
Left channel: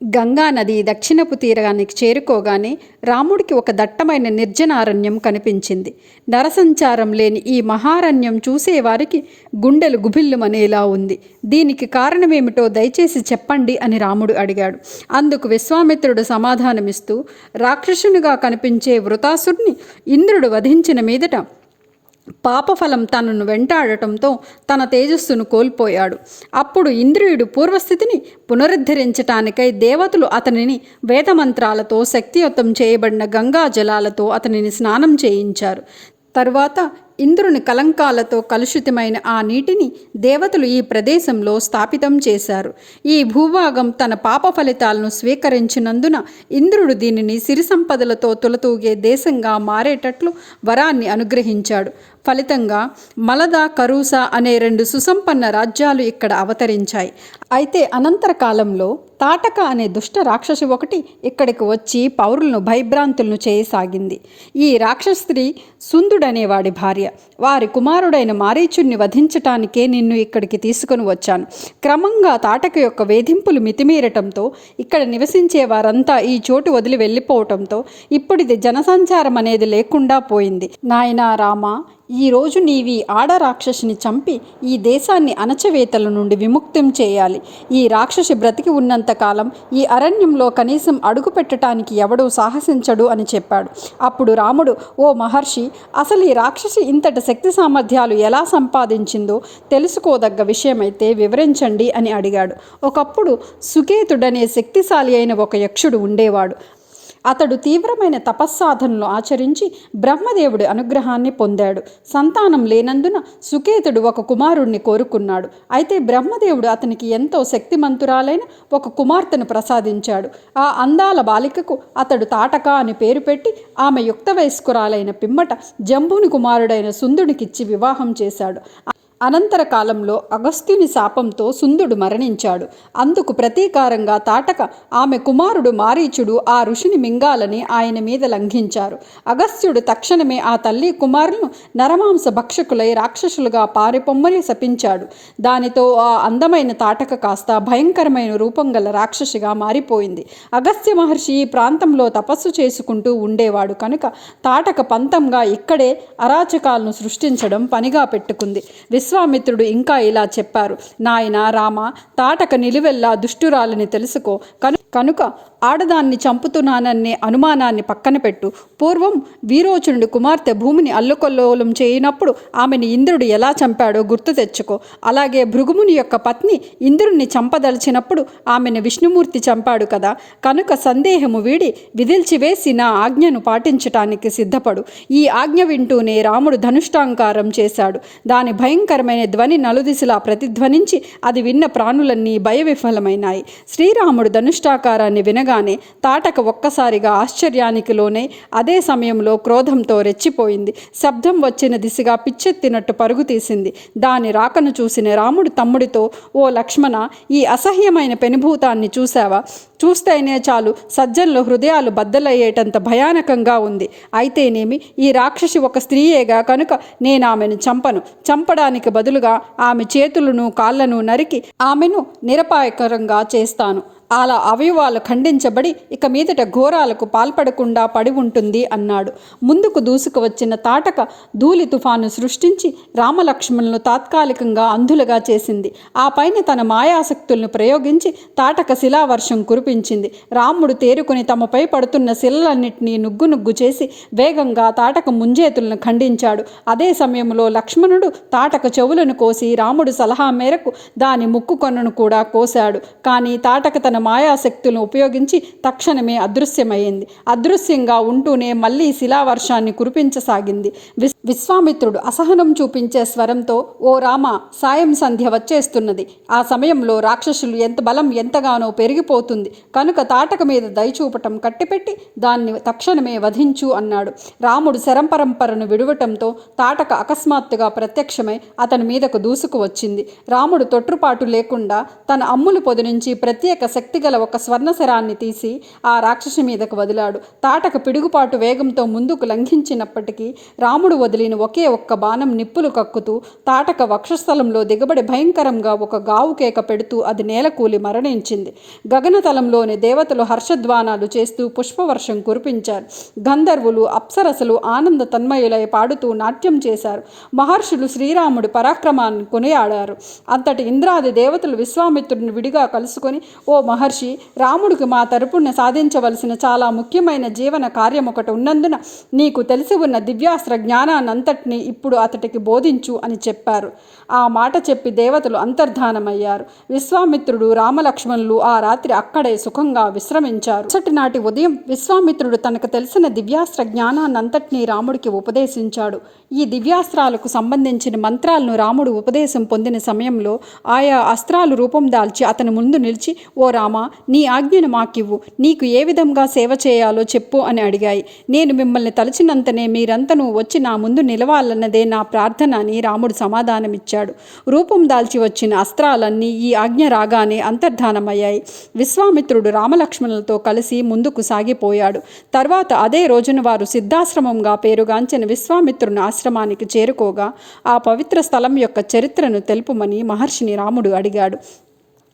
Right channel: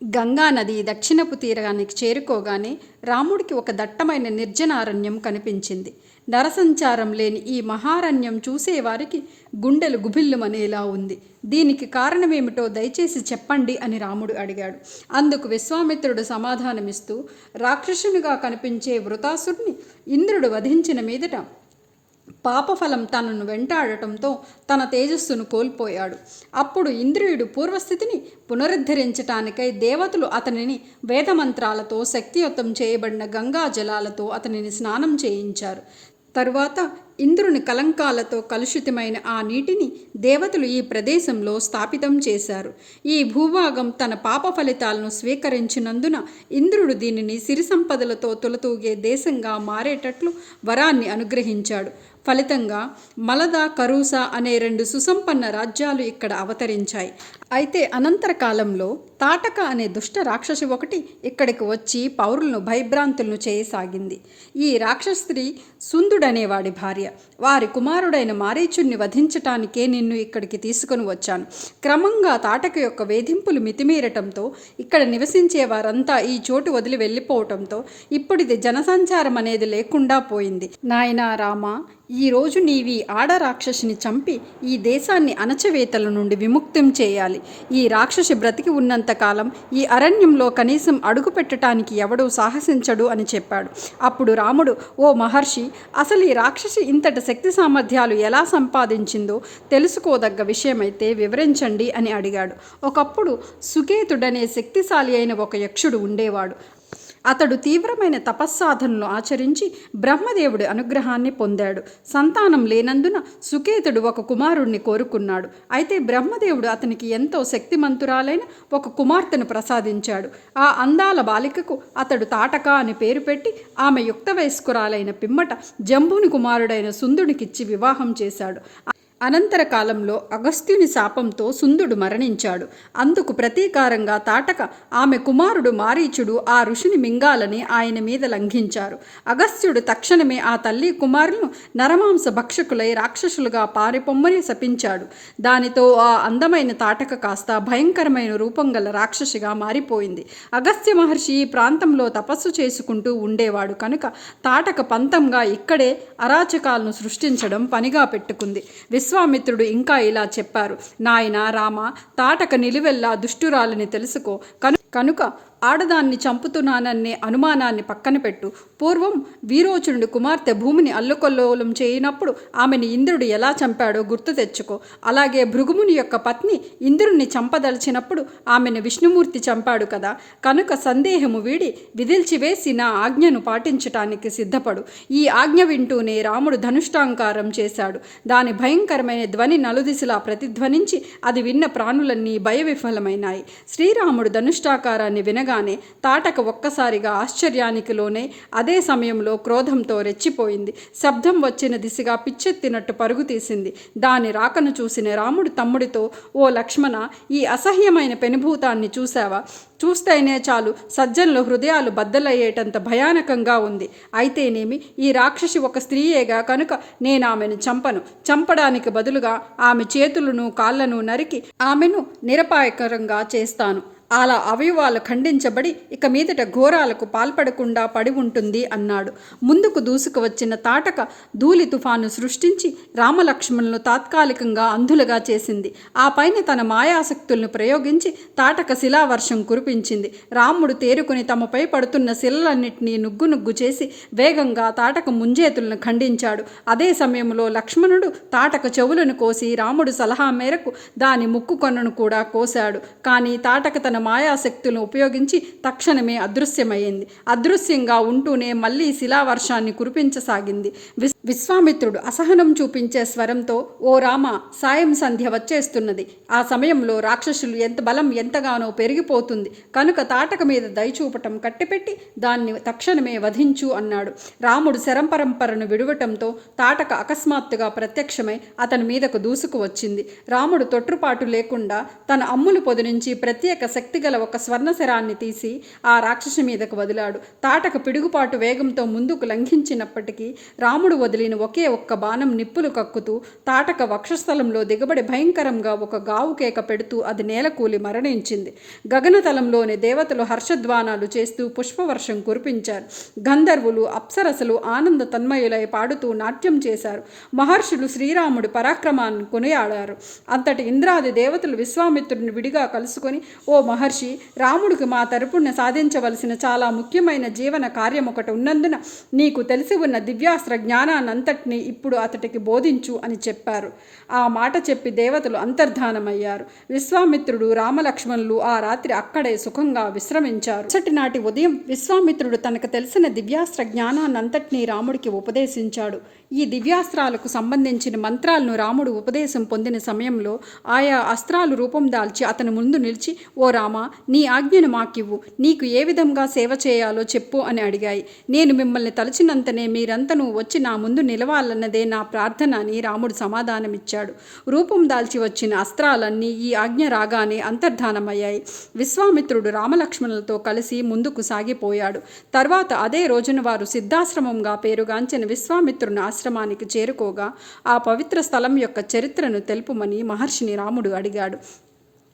గంగానది దక్షిణపు తీరానికి చేరుకోగానే రాముడికి ఒక దట్టమైన నిర్జనారణ్యం కనిపించింది. నరసంచారం లేని ఈ మహారణ్యం చూసేవారికి గుండెలు గుభిల్లుమనేలా ఉంది. దీనికి కారణమేమిటో దయచేసి చెప్పండి అని రాముడు అడిగాడు. అందుకు విశ్వామిత్రుడు సమాధానమిస్తూ, రాక్షసునిగా కనిపించే వృతాసురుని ఇంద్రుడు వధించిన మీదట పాపఫలం తనను వెంటాడటంతో తన తేజస్సును కోల్పోయాడు. అప్పుడు ఇంద్రియుడు పూర్వస్థితిని పునరుద్ధరించటానికై దేవతలు అతనిని వేదమంత్రాలతో శక్తియుతం చేయబడిన గంగా జలాలతో అతనిని స్నానం చేయించారు. తరువాత ఇంద్రుని కలంకాలతో కలుషితమైన ఆ నీటిని దేవతలు ఈ ప్రదేశంలో స్థాపితం చేశారు. ఈ భూభాగం తన పాప ఫలితాలను స్వీకరించినందున ఇంద్రుడు దీనిని సిరి సంపదలతో తులతూగే దేశంగా మారేటట్లు వరాన్ని అనుగ్రహించాడు. ఫలితంగా మలద, కరూస అనే 2 సుసంపన్న రాజ్యాలు ఇక్కడ అవతరించాయి. అయితే అనంతర కాలంలో తాటక అనే దుష్ట రాక్షసి ఒకటి ఇక్కడికి వచ్చి పౌరులను భయభ్రాంతులను చేయసాగింది. ఈ రాక్షస స్త్రీ సుందుడనేవాడి భార్య. వారి కుమారుడైన మారీచుణ్ణి వధించటానికే నిన్ను ఇక్కడికి తీసుకొని వచ్చాను. క్రమంగా తాటక యొక్క వేధింపులు మితిమీరటంతో ఇక్కడ నివసించే వారంతా ఈ చోటు వదిలి వెళ్ళిపోవటంతో ఇప్పుడిది జనసంచారం అనేది లేకుండా పోయింది. నాయనా రామ, ఈరోజు నీవి ఆడ రాక్షసిని చంపి ఈ దేశాన్ని అణచవేతల నుండి విముక్తం చేయాలి. ఈ రాక్షసి బ్రతికి ఉన్నంతకాలం ఈ అరణ్యంలో కనీసం అడుగు పెట్టడానికి ఎవడూ సాహసించడు అని చెప్పాడు. అప్పుడు రాముడు, ఓ మహర్షి, అసలు ఈ రాక్షసి ఇంతటి శక్తి సామర్థ్యాలు ఎలా సంపాదించిందో తెలుసుకోదగ్గ విషయమైతే వివరించండి అని అడిగాడు. ఒకప్పుడు సుకేతుడనే శక్తిశాలి అయిన ఒక యక్షుడు ఉండేవాడు. అతడు తీవ్రమైన తపస్సాధనలు ఆచరించి బ్రహ్మదేవుడి అనుగ్రహాన్ని పొందాడు. సంతానం లేనందున సుకేతుడు ఒక కుమారుణ్ణి కోరుకున్నాడు. అయితే బ్రహ్మదేవుడు అతనికి ఎంతో శక్తిమంతురాలైన ఒక కుమార్తెను ప్రసాదించాడు. ఆ అందాల బాలికకు అతడు తాటక అని పేరు పెట్టి ఆమె యుక్త వయస్కురాలైన పిమ్మట జంబుని కుమారుడైన సుందునికిచ్చి వివాహం చేశాడు. అనంతర కాలంలో అగస్త్యుని శాపంతో సుందుడు మరణించాడు. అందుకు ప్రతీకారంగా తాటక ఆమె కుమారుడు మారీచుడు ఆ ఋషిని మింగాలని ఆయన మీద లంఘించారు. అగస్త్యుడు తక్షణమే ఆ తల్లి కుమారులను నరమాంస భక్షకులై రాక్షసులుగా పారిపొమ్మలి శపించాడు. దానితో ఆ అందమైన తాటక కాస్త భయంకరమైన రూపం గల రాక్షసిగా మారిపోయింది. అగస్త్య మహర్షి ఈ ప్రాంతంలో తపస్సు చేసుకుంటూ ఉండేవాడు కనుక తాటక పంతంగా ఇక్కడే అరాచకాలను సృష్టించడం పనిగా పెట్టుకుంది. విశ్వామిత్రుడు ఇంకా ఇలా చెప్పారు, నాయనా రామ, తాటక నిలువెల్లా దుష్టురాలని తెలుసుకో. కనుక ఆడదాన్ని చంపుతున్నాననే అనుమానాన్ని పక్కన పెట్టు. పూర్వం వీరోచనుడి కుమార్తె భూమిని అల్లుకొల్లోలం చేయనప్పుడు ఆమెను ఇంద్రుడు ఎలా చంపాడో గుర్తు తెచ్చుకో. అలాగే భృగుముని యొక్క పత్ని ఇంద్రుణ్ణి చంపదలిచినప్పుడు ఆమెను విష్ణుమూర్తి చంపాడు కదా. కనుక సందేహము వీడి విదిల్చివేసి నా ఆజ్ఞను పాటించటానికి సిద్ధపడు. ఈ ఆజ్ఞ వింటూనే రాముడు ధనుష్టాంకారం చేశాడు. దాని భయంకరమైన ధ్వని నలుదిశలా ప్రతిధ్వనించి అది విన్న ప్రాణులన్నీ భయవిఫలమైనాయి. శ్రీరాముడు ధనుష్టాకారాన్ని వినగానే తాటక ఒక్కసారిగా ఆశ్చర్యానికి లోనే అదే సమయంలో క్రోధంతో రెచ్చిపోయింది. శబ్దం వచ్చిన దిశగా పిచ్చెత్తినట్టు పరుగు తీసింది. దాని రాకను చూసిన రాముడు తమ్ముడితో, ఓ లక్ష్మణ, ఈ అసహ్యమైన పెనుభూతాన్ని చూశావా? చూస్తేనే చాలు సజ్జనుల హృదయాలు బద్దలయ్యేటంత భయానకంగా ఉంది. అయితేనేమి, ఈ రాక్షసి ఒక స్త్రీయేగా కనుక నేను ఆమెను చంపను. చంపడానికి బదులుగా ఆమె చేతులను కాళ్లను నరికి ఆమెను నిరపాయకరంగా చేస్తాను. అలా అవయవాలు ఖండించబడి ఇక మీదట ఘోరాలకు పాల్పడకుండా పడి ఉంటుంది అన్నాడు. ముందుకు దూసుకు వచ్చిన తాటక ధూళి తుఫాను సృష్టించి రామలక్ష్మణులను తాత్కాలికంగా అంధులుగా చేసింది. ఆ పైన తన మాయాశక్తులను ప్రయోగించి తాటక శిలావర్షం కురిపించింది. రాముడు తేరుకుని తమపై పడుతున్న శిలలన్నింటినీ నుగ్గు చేసి వేగంగా తాటక ముంజేతులను ఖండించాడు. అదే సమయంలో లక్ష్మణుడు తాటక చెవులను కోసి రాముడు సలహా మేరకు దాని ముక్కు కొనను కూడా కోశాడు. కానీ తాటక తన మాయాశక్తులను ఉపయోగించి తక్షణమే అదృశ్యమైంది. అదృశ్యంగా ఉంటూనే మళ్ళీ శిలావర్షాన్ని కురిపించసాగింది. విశ్వామిత్రుడు అసహనం చూపించే స్వరంతో, ఓ రామ, సాయం సంధ్య వచ్చేస్తున్నది. ఆ సమయంలో రాక్షసులు బలం ఎంతగానో పెరిగిపోతుంది కనుక తాటక మీద దయచూపటం కట్టిపెట్టి దాన్ని తక్షణమే వధించు అన్నాడు. రాముడు శరంపరంపరను విడవటంతో తాటక అకస్మాత్తుగా ప్రత్యక్షమై అతని మీదకు దూసుకు వచ్చింది. రాముడు తొట్రుపాటు లేకుండా తన అమ్ముల పొది నుంచి ప్రత్యేక శక్తిగల ఒక స్వర్ణశరాన్ని తీసి ఆ రాక్షసి మీదకు వదిలాడు. తాటక పిడుగుపాటు వేగంతో ముందుకు లంఘించినప్పటికీ రాముడు వదిలిన ఒకే ఒక్క బాణం నిప్పులు కక్కుతూ తాటక వక్షస్థలంలో దిగబడి భయంకరంగా ఒక గావు కేక పెడుతూ అది నేలకూలి మరణించింది. గగనతలంలోని దేవతలు హర్షధ్వానాలు చేస్తూ పుష్పవర్షం కురిపించారు. గంధర్వులు అప్సరసలు ఆనంద తన్మయులై పాడుతూ నాట్యం చేశారు. మహర్షులు శ్రీరాముడి పరాక్రమాన్ని కొనియాడారు. అంతటి ఇంద్రాది దేవతలు విశ్వామిత్రుడిని విడిగా కలుసుకొని, ఓ మహర్షి, రాముడికి మా తరపున సాధించవలసిన చాలా ముఖ్యమైన జీవన కార్యం ఒకటి ఉన్నందున నీకు తెలిసి ఉన్న దివ్యాస్త్ర జ్ఞానాన్నంతటినీ ఇప్పుడు అతడికి బోధించు అని చెప్పారు. ఆ మాట చెప్పి దేవతలు అంతర్ధానమయ్యారు. విశ్వామిత్రుడు రామలక్ష్మణులు ఆ రాత్రి అక్కడే సుఖంగా విశ్రమించారు. మరుసటి నాటి ఉదయం విశ్వామిత్రుడు తనకు తెలిసిన దివ్యాస్త్ర జ్ఞానాన్నంతటినీ రాముడికి ఉపదేశించాడు. ఈ దివ్యాస్త్రాలకు సంబంధించిన మంత్రాలను రాముడు ఉపదేశం పొందిన సమయంలో ఆయా అస్త్రాలు రూపం దాల్చి అతని ముందు నిలిచి, ఓ రామ, నీ ఆజ్ఞను మాకివ్వు, నీకు ఏ విధంగా సేవ చేయాలో చెప్పు అని అడిగాయి. నేను మిమ్మల్ని తలచినంతనే మీరంతనూ వచ్చి నా ముందు నిలవాలన్నదే నా ప్రార్థన అని రాముడు సమాధానమిచ్చాడు. రూపం దాల్చి వచ్చిన అస్త్రాలన్నీ ఈ ఆజ్ఞ రాగానే అంతర్ధానమయ్యాయి. విశ్వామిత్రుడు రామలక్ష్మణులతో కలిసి ముందుకు సాగిపోయాడు. తర్వాత అదే రోజున వారు సిద్ధాశ్రమంగా పేరుగాంచిన విశ్వామిత్రుని ఆశ్రమానికి చేరుకోగా ఆ పవిత్ర స్థలం యొక్క చరిత్రను తెలుపుమని మహర్షిని రాముడు అడిగాడు.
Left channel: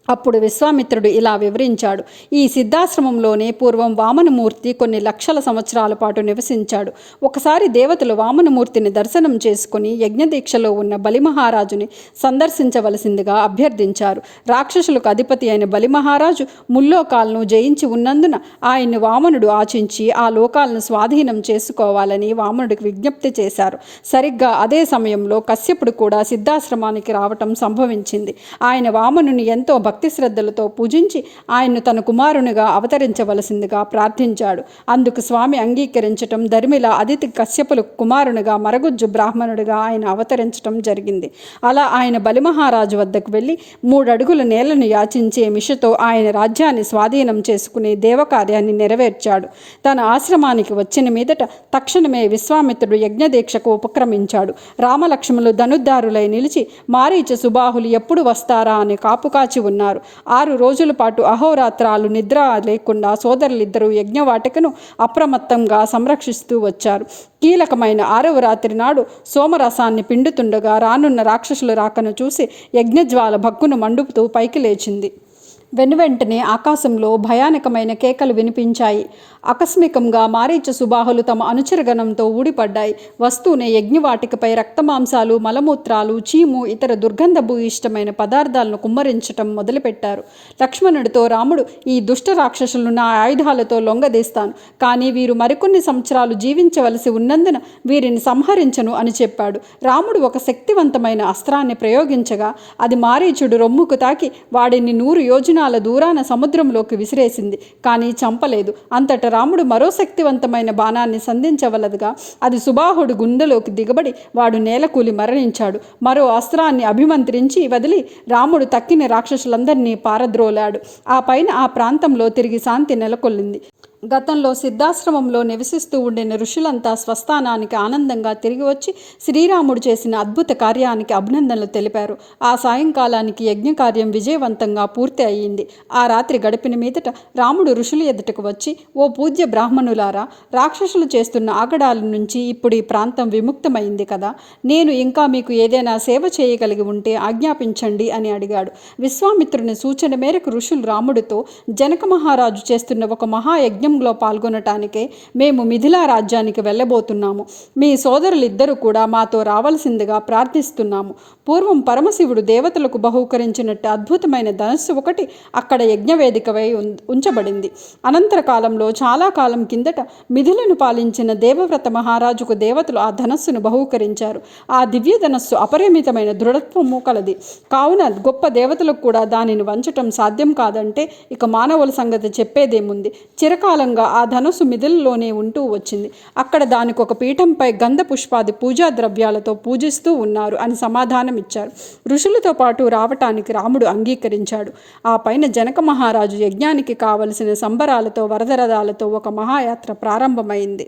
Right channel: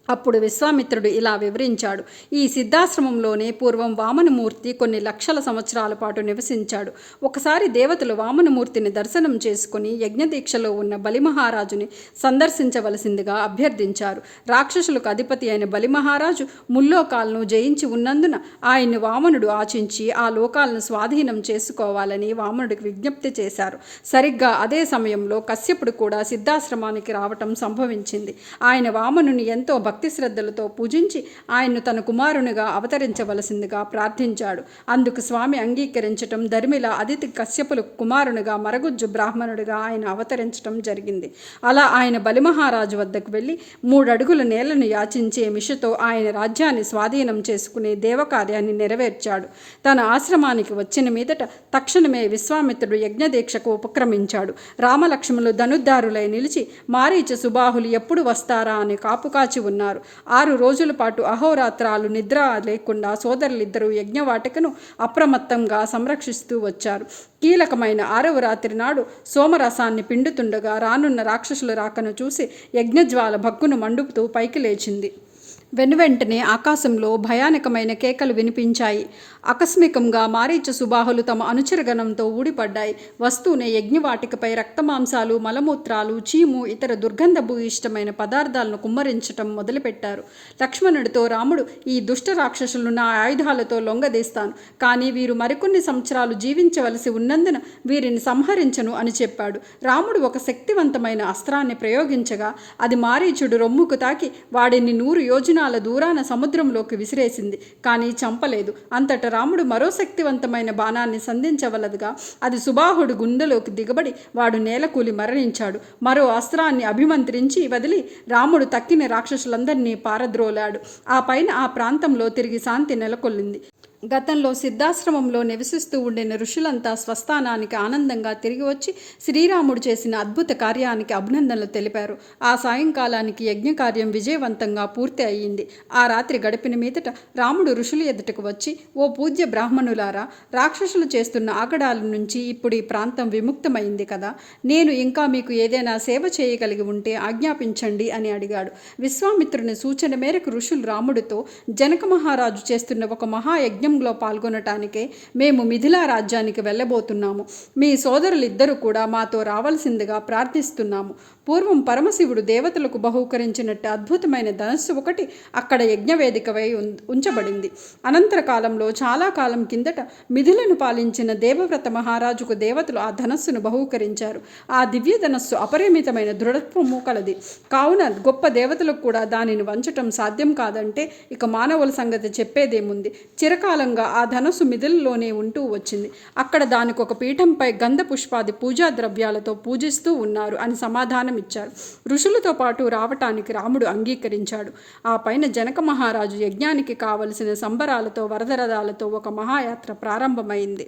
అప్పుడు విశ్వామిత్రుడు ఇలా వివరించాడు. ఈ సిద్ధాశ్రమంలోనే పూర్వం వామనమూర్తి కొన్ని లక్షల సంవత్సరాల పాటు నివసించాడు. ఒకసారి దేవతలు వామనమూర్తిని దర్శనం చేసుకుని యజ్ఞదీక్షలో ఉన్న బలిమహారాజుని సందర్శించవలసిందిగా అభ్యర్థించారు. రాక్షసులకు అధిపతి అయిన బలిమహారాజు ముల్లోకాలను జయించి ఉన్నందున ఆయన్ని వామనుడు ఆచించి ఆ లోకాలను స్వాధీనం చేసుకోవాలని వామనుడికి విజ్ఞప్తి చేశారు. సరిగ్గా అదే సమయంలో కశ్యపుడు కూడా సిద్ధాశ్రమానికి రావటం సంభవించింది. ఆయన వామనుని ఎంతో భక్తి శ్రద్ధలతో పూజించి ఆయన్ను తన కుమారునిగా అవతరించవలసిందిగా ప్రార్థించాడు. అందుకు స్వామి అంగీకరించటం ధర్మిల అదితి కశ్యపులు కుమారునిగా మరగుజ్జు బ్రాహ్మణుడిగా ఆయన అవతరించటం జరిగింది. అలా ఆయన బలిమహారాజు వద్దకు వెళ్ళి 3 అడుగుల నేలను యాచించే మిషతో ఆయన రాజ్యాన్ని స్వాధీనం చేసుకునే దేవకార్యాన్ని నెరవేర్చాడు. తన ఆశ్రమానికి వచ్చిన మీదట తక్షణమే విశ్వామిత్రుడు యజ్ఞదీక్షకు ఉపక్రమించాడు. రామలక్ష్మణులు ధనుద్ధారులై నిలిచి మారీచ సుబాహులు ఎప్పుడు వస్తారా అని కాపుకాచి ఉన్నారు. 6 రోజుల పాటు అహోరాత్రాలు నిద్ర లేకుండా సోదరులిద్దరూ యజ్ఞవాటికను అప్రమత్తంగా సంరక్షిస్తూ వచ్చారు. కీలకమైన 6వ రాత్రి నాడు సోమరసాన్ని పిండుతుండగా రానున్న రాక్షసుల రాకను చూసి యజ్ఞజ్వాల భక్కును మండుతూ పైకి లేచింది. వెనువెంటనే ఆకాశంలో భయానకమైన కేకలు వినిపించాయి. ఆకస్మికంగా మారీచ సుబాహులు తమ అనుచరగణంతో ఊడిపడ్డాయి. వస్తూనే యజ్ఞవాటికపై రక్తమాంసాలు, మలమూత్రాలు, చీము, ఇతర దుర్గంధభూయిష్టమైన పదార్థాలను కుమ్మరించటం మొదలుపెట్టారు. లక్ష్మణుడితో రాముడు, ఈ దుష్ట రాక్షసులను నా ఆయుధాలతో లొంగదీస్తాను, కానీ వీరు మరికొన్ని సంవత్సరాలు జీవించవలసి ఉన్నందున వీరిని సంహరించను అని చెప్పాడు. రాముడు ఒక శక్తివంతమైన అస్త్రాన్ని ప్రయోగించగా అది మారీచుడు రొమ్ముకు తాకి వాడిని 100 యోజనాల దూరాన సముద్రంలోకి విసిరేసింది, కానీ చంపలేదు. అంతట రాముడు మరో శక్తివంతమైన బాణాన్ని సంధించవలదుగా అది సుబాహుడు గుండెలోకి దిగబడి వాడు నేలకూలి మరణించాడు. మరో అస్త్రాన్ని అభిమంత్రించి వదిలి రాముడు తక్కిన రాక్షసులందరినీ పారద్రోలాడు. ఆ పైన ఆ ప్రాంతంలో తిరిగి శాంతి నెలకొల్లింది. గతంలో సిద్ధాశ్రమంలో నివసిస్తూ ఉండిన ఋషులంతా స్వస్థానానికి ఆనందంగా తిరిగి వచ్చి శ్రీరాముడు చేసిన అద్భుత కార్యానికి అభినందనలు తెలిపారు. ఆ సాయంకాలానికి యజ్ఞకార్యం విజయవంతంగా పూర్తి అయ్యింది. ఆ రాత్రి గడిపిన మీదట రాముడు ఋషుల ఎదుటకు వచ్చి, ఓ పూజ్య బ్రాహ్మణులారా, రాక్షసులు చేస్తున్న ఆగడాల నుంచి ఇప్పుడు ఈ ప్రాంతం విముక్తమైంది కదా, నేను ఇంకా మీకు ఏదైనా సేవ చేయగలిగి ఉంటే ఆజ్ఞాపించండి అని అడిగాడు. విశ్వామిత్రుని సూచన మేరకు ఋషులు రాముడితో, జనక మహారాజు చేస్తున్న ఒక మహాయజ్ఞంలో పాల్గొనటానికే మేము మిథిలా రాజ్యానికి వెళ్ళబోతున్నాము. మీ సోదరులిద్దరూ కూడా మాతో రావాల్సిందిగా ప్రార్థిస్తున్నాము. పూర్వం పరమశివుడు దేవతలకు బహూకరించినట్టు అద్భుతమైన ధనస్సు ఒకటి అక్కడ యజ్ఞవేదికపై ఉంచబడింది. అనంతర కాలంలో చాలా కాలం కిందట మిథిలను పాలించిన దేవవ్రత మహారాజుకు దేవతలు ఆ ధనస్సును బహూకరించారు. ఆ దివ్య ధనస్సు అపరిమితమైన దృఢత్వము కలది. కావున గొప్ప దేవతలకు కూడా దానిని వంచటం సాధ్యం కాదంటే ఇక మానవుల సంగతి చెప్పేదేముంది. చిరకాలంగా ఆ ధనస్సు మిథిలలోనే ఉంటూ వచ్చింది. అక్కడ దానికి ఒక పీఠంపై గంధ పుష్పాది పూజా ద్రవ్యాలతో పూజిస్తూ ఉన్నారు అని సమాధానం ఇచ్చారు. ఋషులతో పాటు రావటానికి రాముడు అంగీకరించాడు. ఆ పైన జనక మహారాజు యజ్ఞానికి కావలసిన సంబరాలతో వరదరథాలతో ఒక మహాయాత్ర ప్రారంభమైంది.